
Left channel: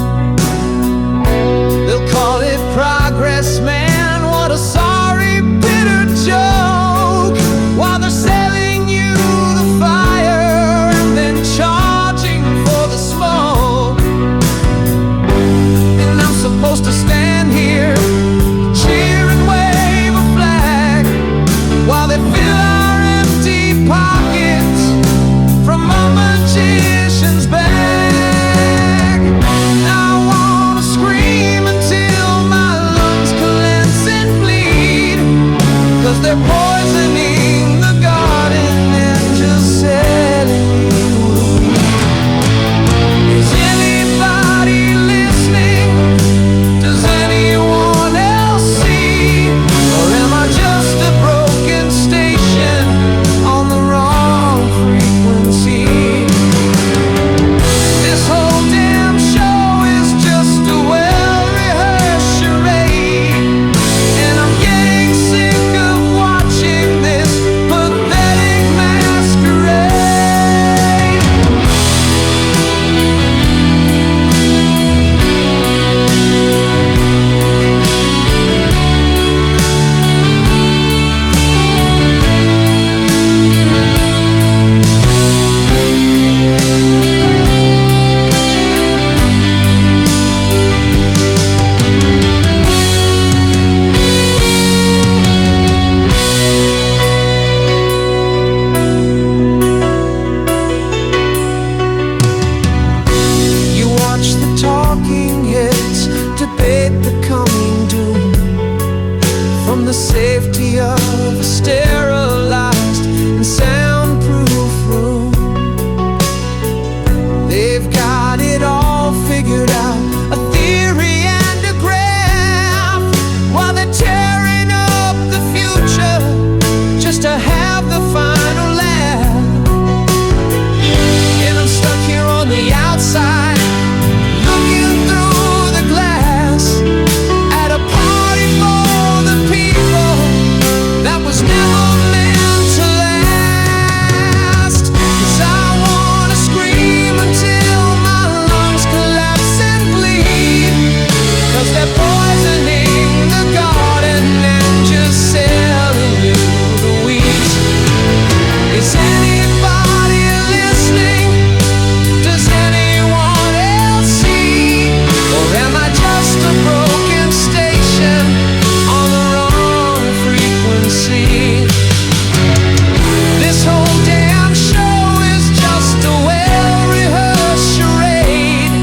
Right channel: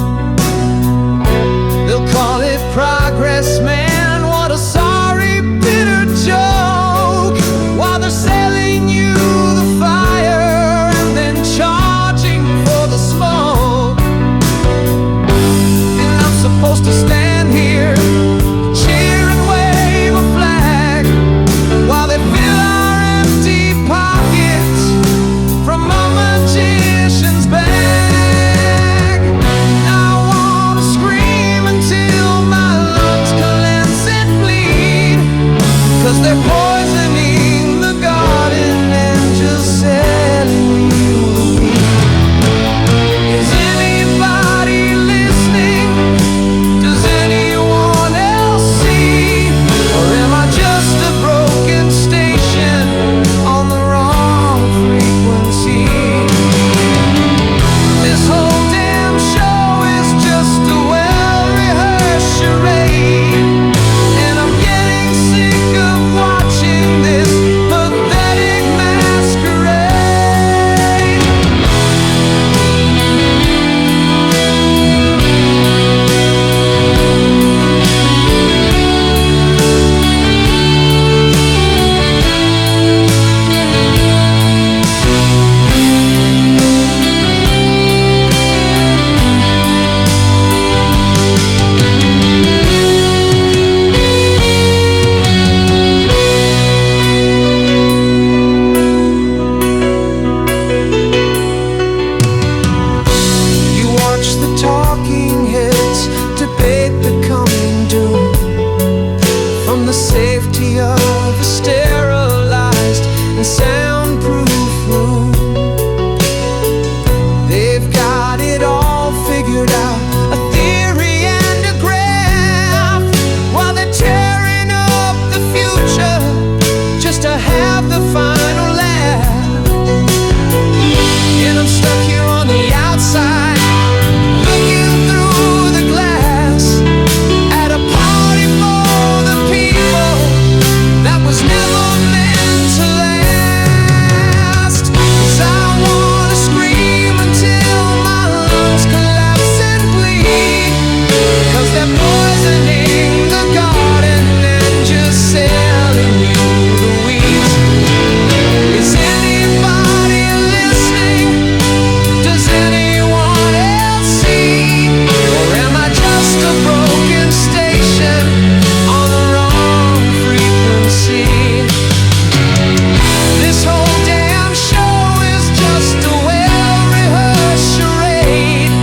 They'll call it progress, man, what a sorry, bitter joke, while they're selling you the fire and then charging for the smoke. And I'm supposed to stand here, cheer and wave a flag, while they fill our empty pockets from a magician's bag. And I wanna scream until my lungs collapse and bleed, 'cause they're poisoning the garden. safety of a sterilized and soundproof room. They've got it all figured out, a theory and a graph, while they're tearing up the future just to have the final laugh. And I'm stuck here on the outside, looking through the glass at a party for the people that was never meant to last. 'Cause I wanna scream until my lungs collapse and bleed, 'cause they're poisoning the garden and just selling you the weeds. Is anybody listening? Does anyone else see? Or am I just a broken station on the wrong frequency? This whole damn show is just a well-rehearsed charade,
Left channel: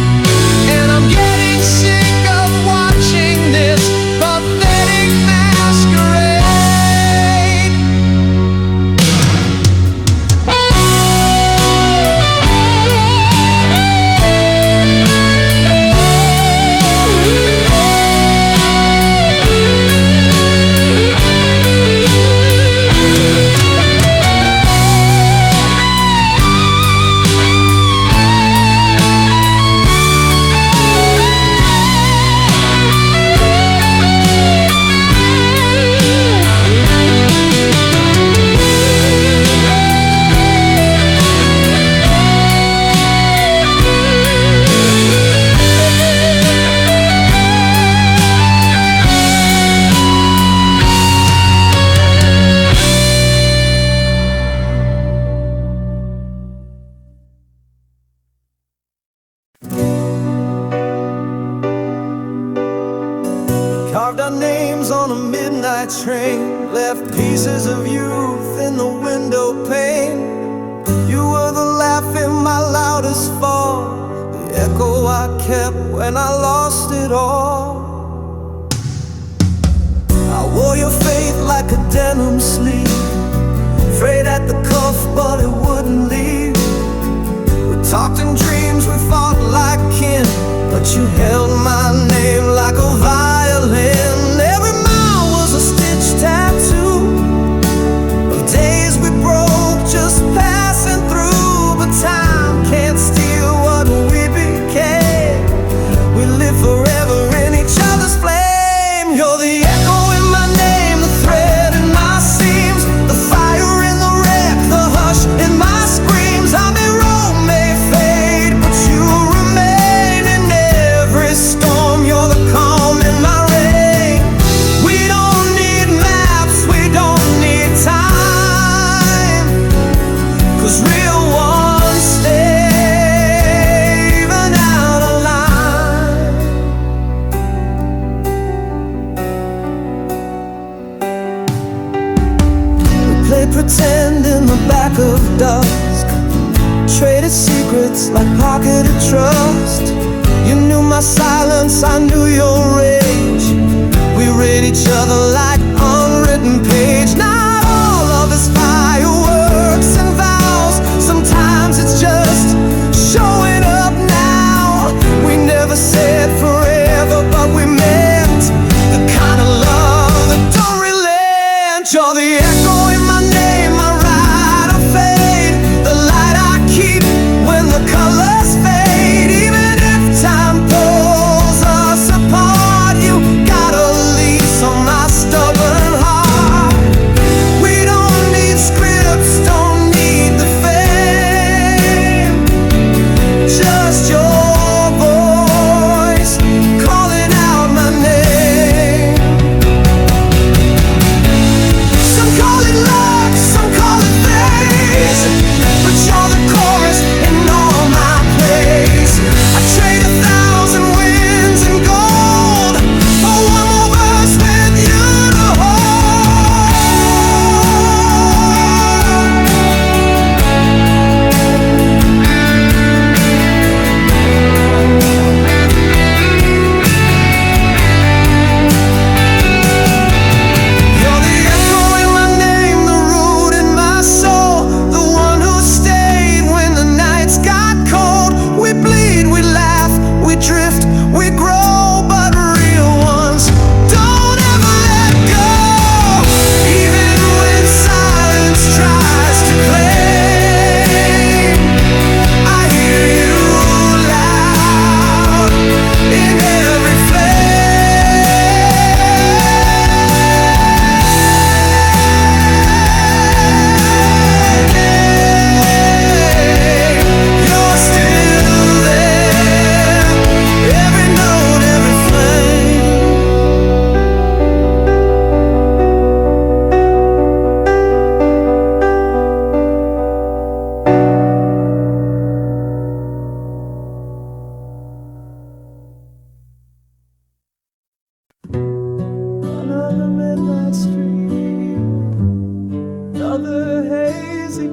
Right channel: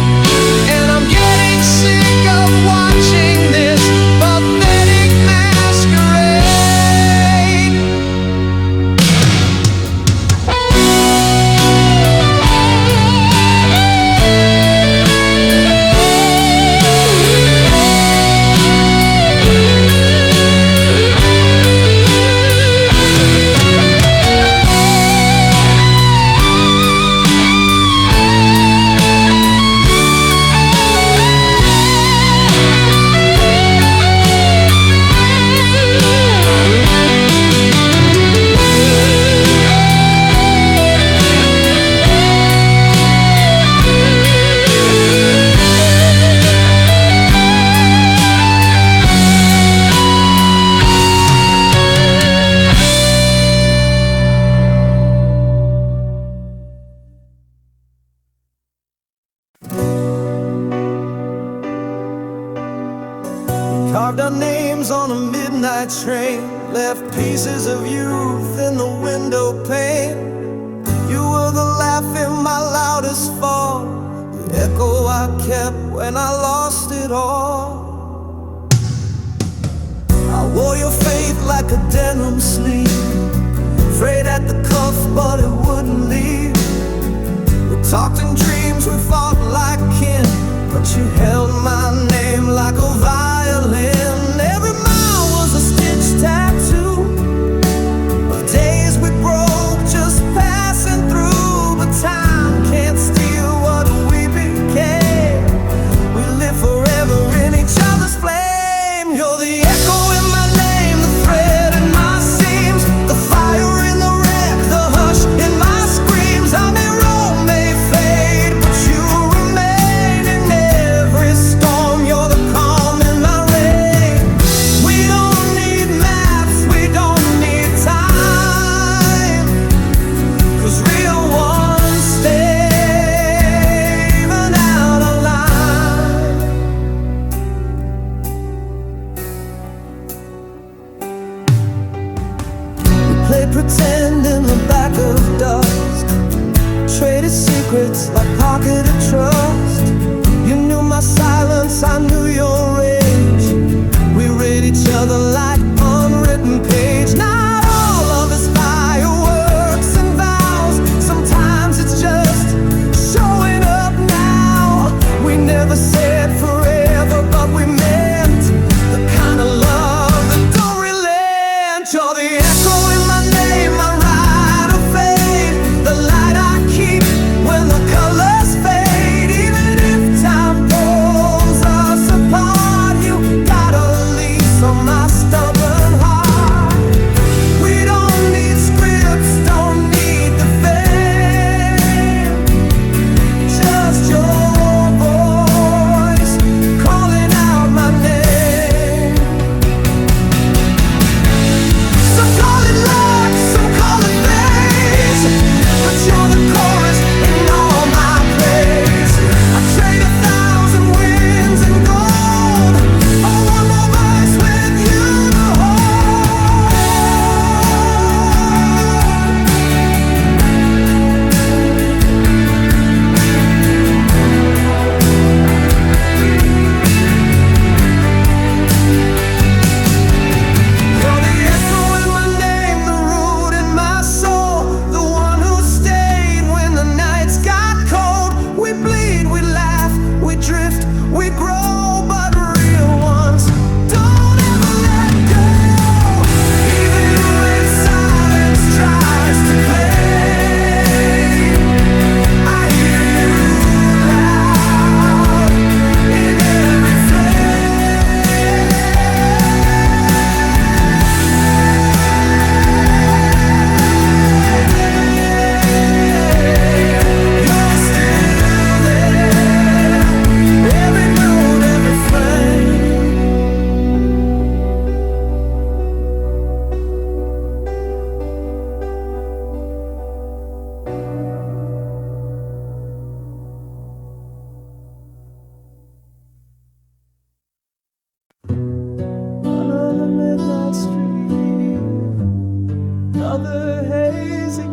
and I'm getting sick of watching this pathetic masquerade. Carved our names on a midnight train, left pieces of youth in the window pane. You were the laugh in my loudest fall, the echo I kept when I lost it all. I wore your faith like a denim sleeve, frayed at the cuff but it wouldn't leave. We talked in dreams, we fought like kin, but you held my name like a violin. Every mile was a stitch tattoo of days we broke, just passing through. But time can't steal what we became. We live forever in each other's flame. You're the echo in my name, the thread in my seams, the fire in the wreck, the hush in my screams. I may roam, may fade, but you remain in every storm. You're the calm in my rain. We don't need maps, we don't need time, 'cause real ones stay even out of line. We played pretend in the back of dusk, traded secrets like pocketed trust. You knew my silence, I knew your rage. We read each other like unwritten page. Not all of it's fireworks and vows, sometimes it's just showing up now. We never said forever, but we meant the kind of love that don't relent. You're the echo in my name, my ride or fade, the light I keep when the colors fade. Even if time pulls us apart, you got a lease on my stubborn heart. We don't need scripts,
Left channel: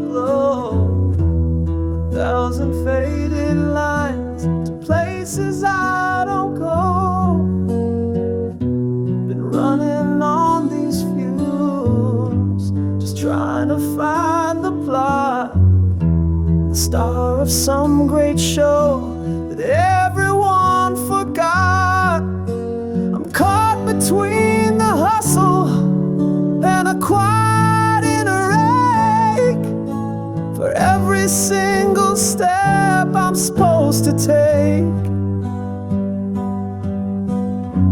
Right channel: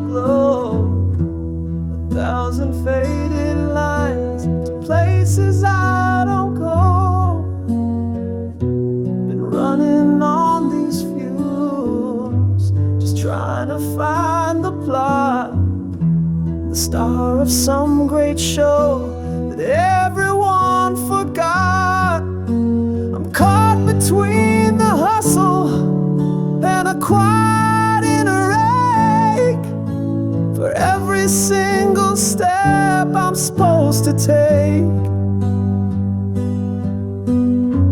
glow, 1,000 faded lines to places I don't go. Been running on these fumes, just trying to find the plot, the star of some great show that everyone forgot. I'm caught between the hustle and a quiet inner ache for every single step I'm supposed to take.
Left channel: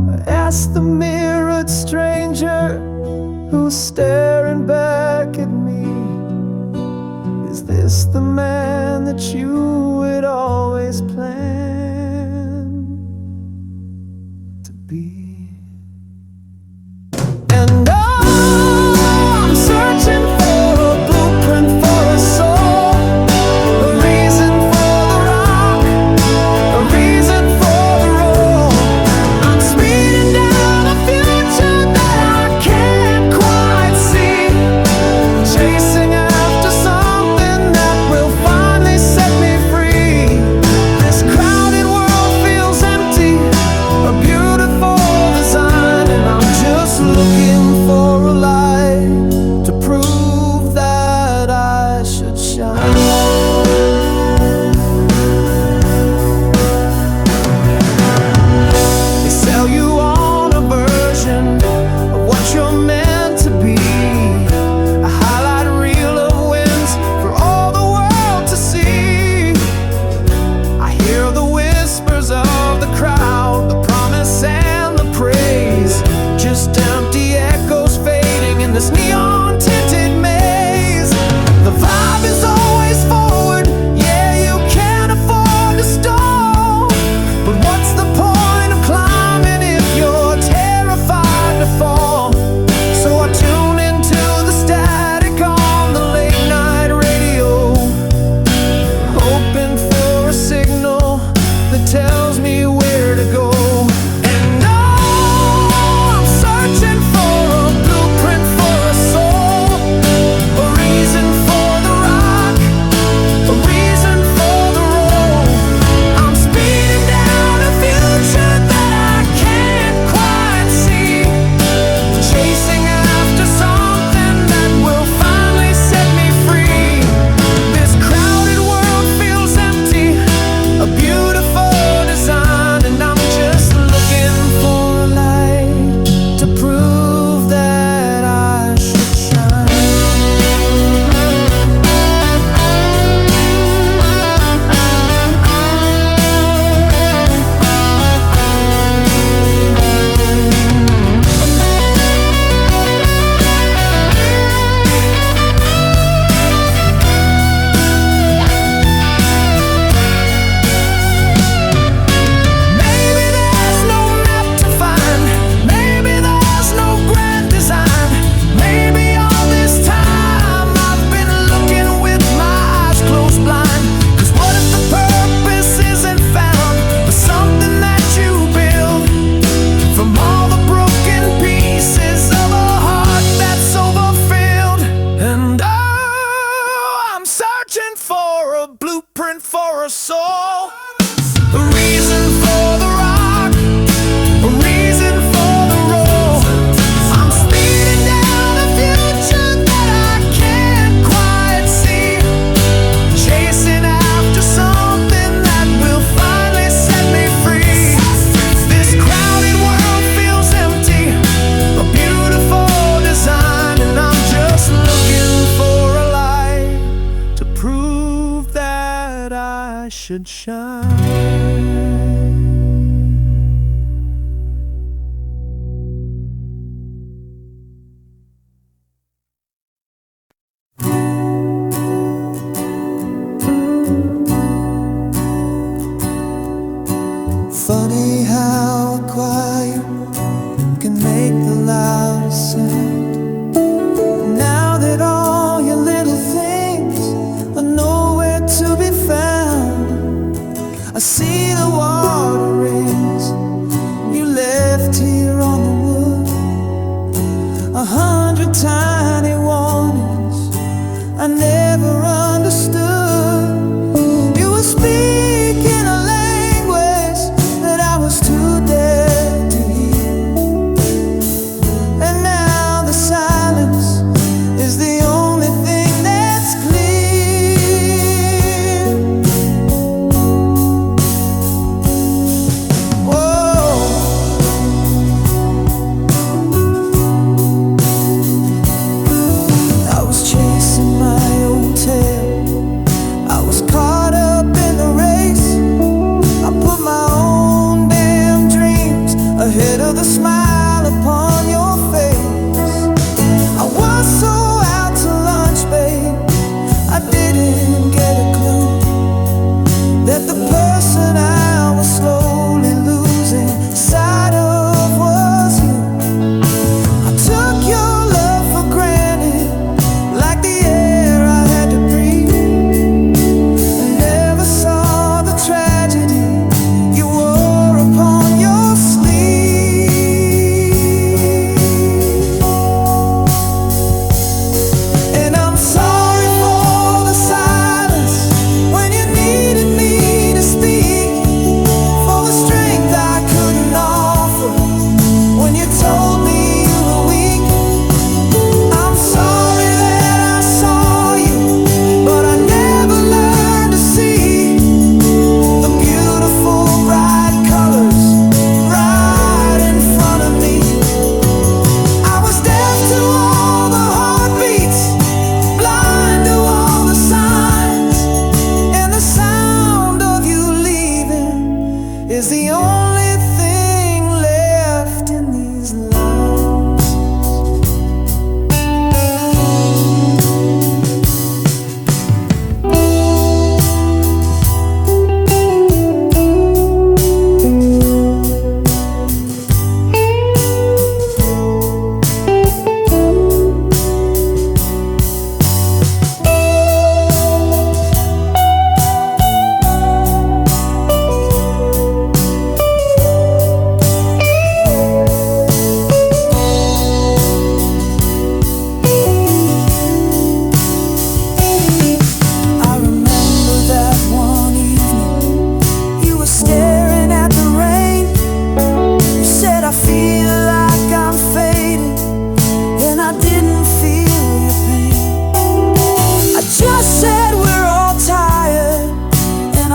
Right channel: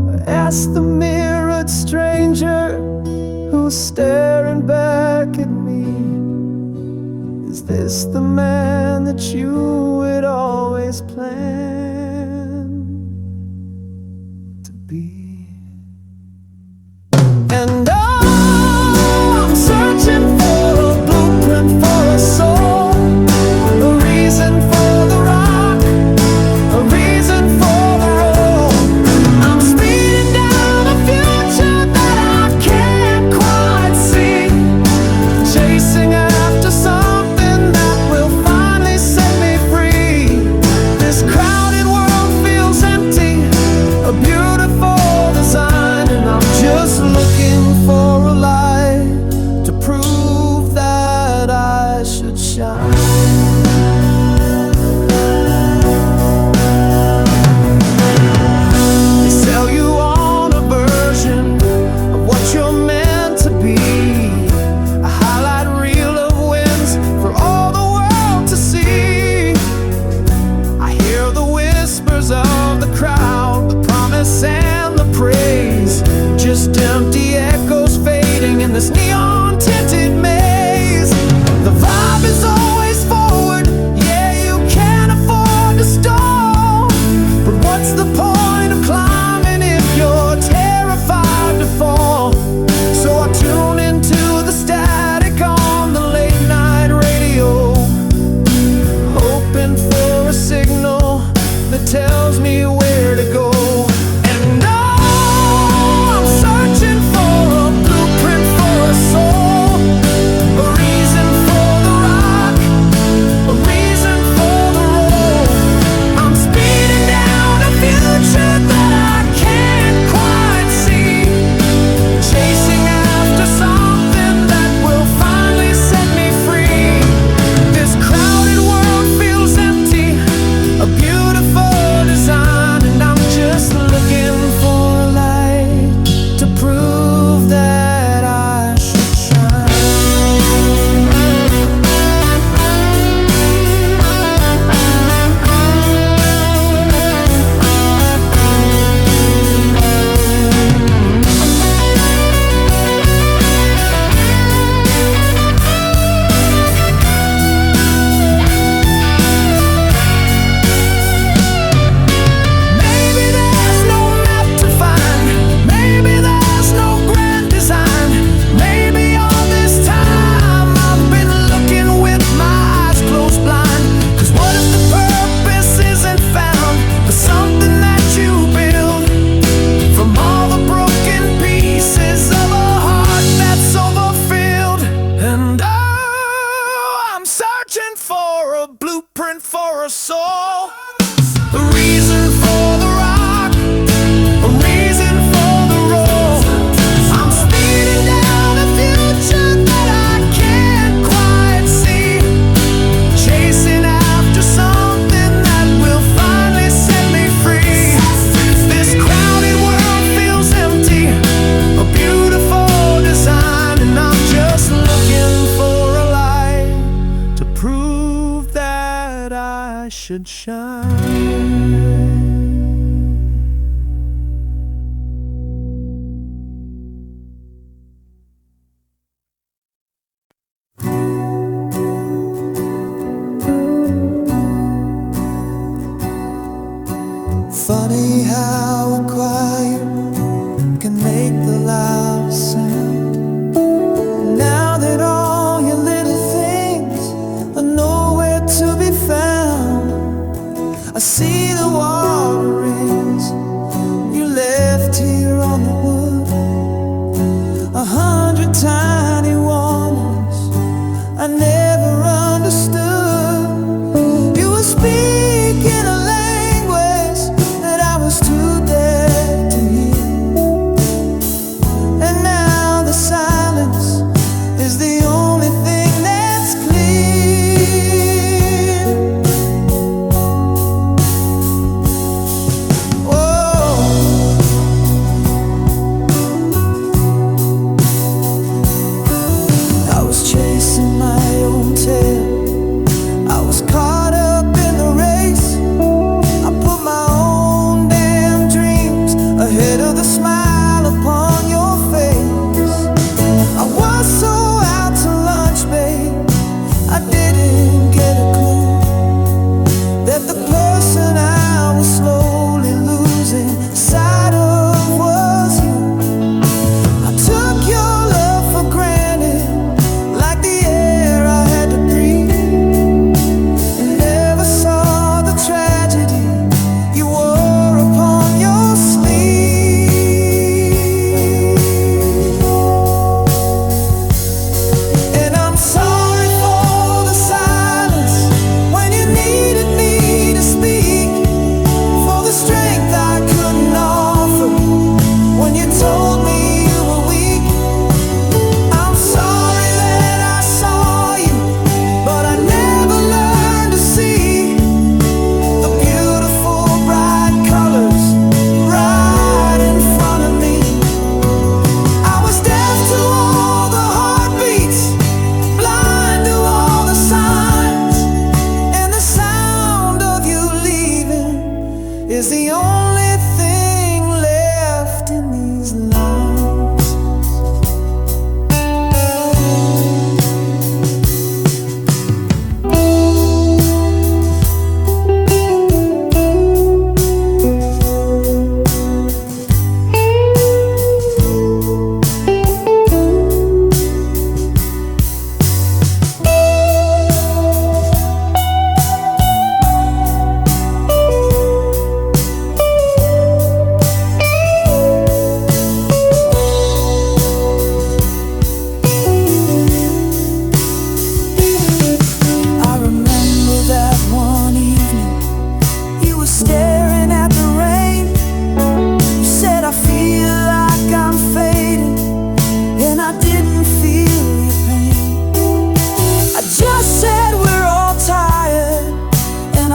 I ask the mirrored stranger who's staring back at me, is this the man that you would always plan to be? And oh, I'm searching for a blueprint for a soul, a reason for the rock, a reason for the roll. I'm speeding down a future that I can't quite see, chasing after something that will finally set me free. This crowded world feels empty, a beautiful design, and I'm just looking for a light to prove that I should shine. They sell you on a version of what you're meant to be, a highlight reel of wins for all the world to see. I hear the whispers of the crowd, the promise and the praise, just empty echoes fading in this neon-tinted maze. The vibe is always forward, yeah, you can't afford to stall. But what's the point of climbing if you're terrified to fall? So I tune into the static on the late-night radio, hoping for a signal that tells me where to go. And oh, I'm searching for a blueprint for a soul, a reason for the rock, a reason for the roll. I'm speeding down a future that I can't quite see, chasing after something that will finally set me free. This crowded world feels empty, a beautiful design, and I'm just looking for a light to prove that I should shine. Maybe there's no map to find, maybe there's no grand design, maybe all this time I've been looking with my eyes closed blind. Cause what if the purpose isn't found, but something that you build from all the broken pieces of a heart that's overfilled? And oh, I'm searching for a blueprint for a soul, a reason for the rock, a reason for the roll. I'm speeding down a future that I can't quite see, chasing after something that will finally set me free. This crowded world feels empty, a beautiful design, and I'm just looking for a light to prove that I should shine. Funny how a choir can make the loudest sound. Now that all your little things are nowhere to be found, I see the water rings you left here on the wood, 100 tiny warnings I never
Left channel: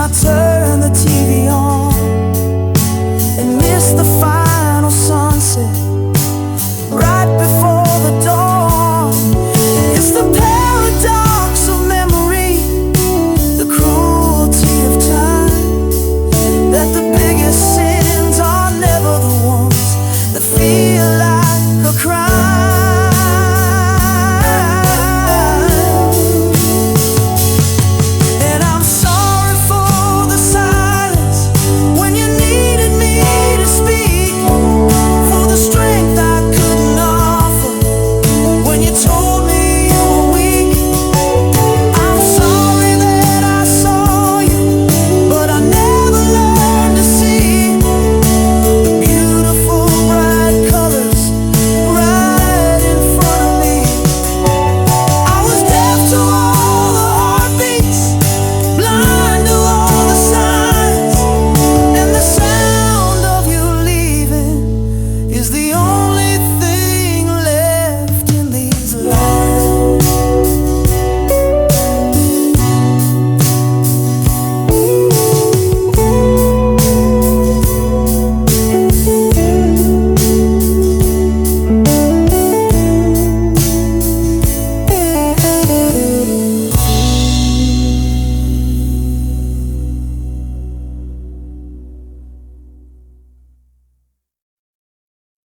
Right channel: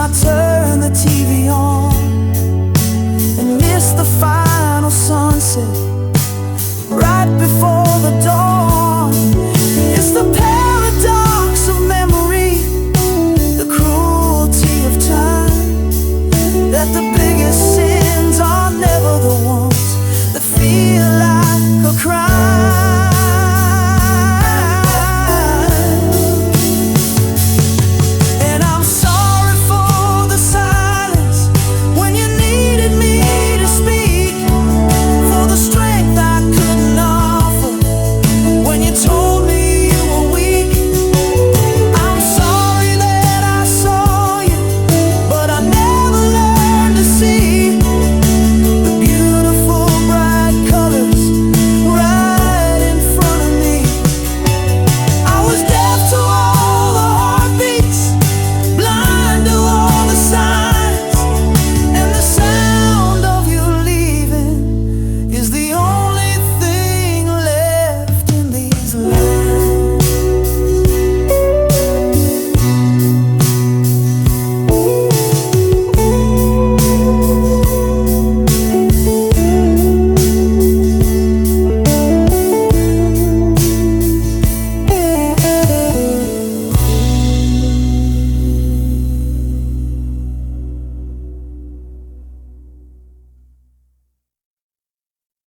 I turn the TV on and miss the final sunset right before the dawn.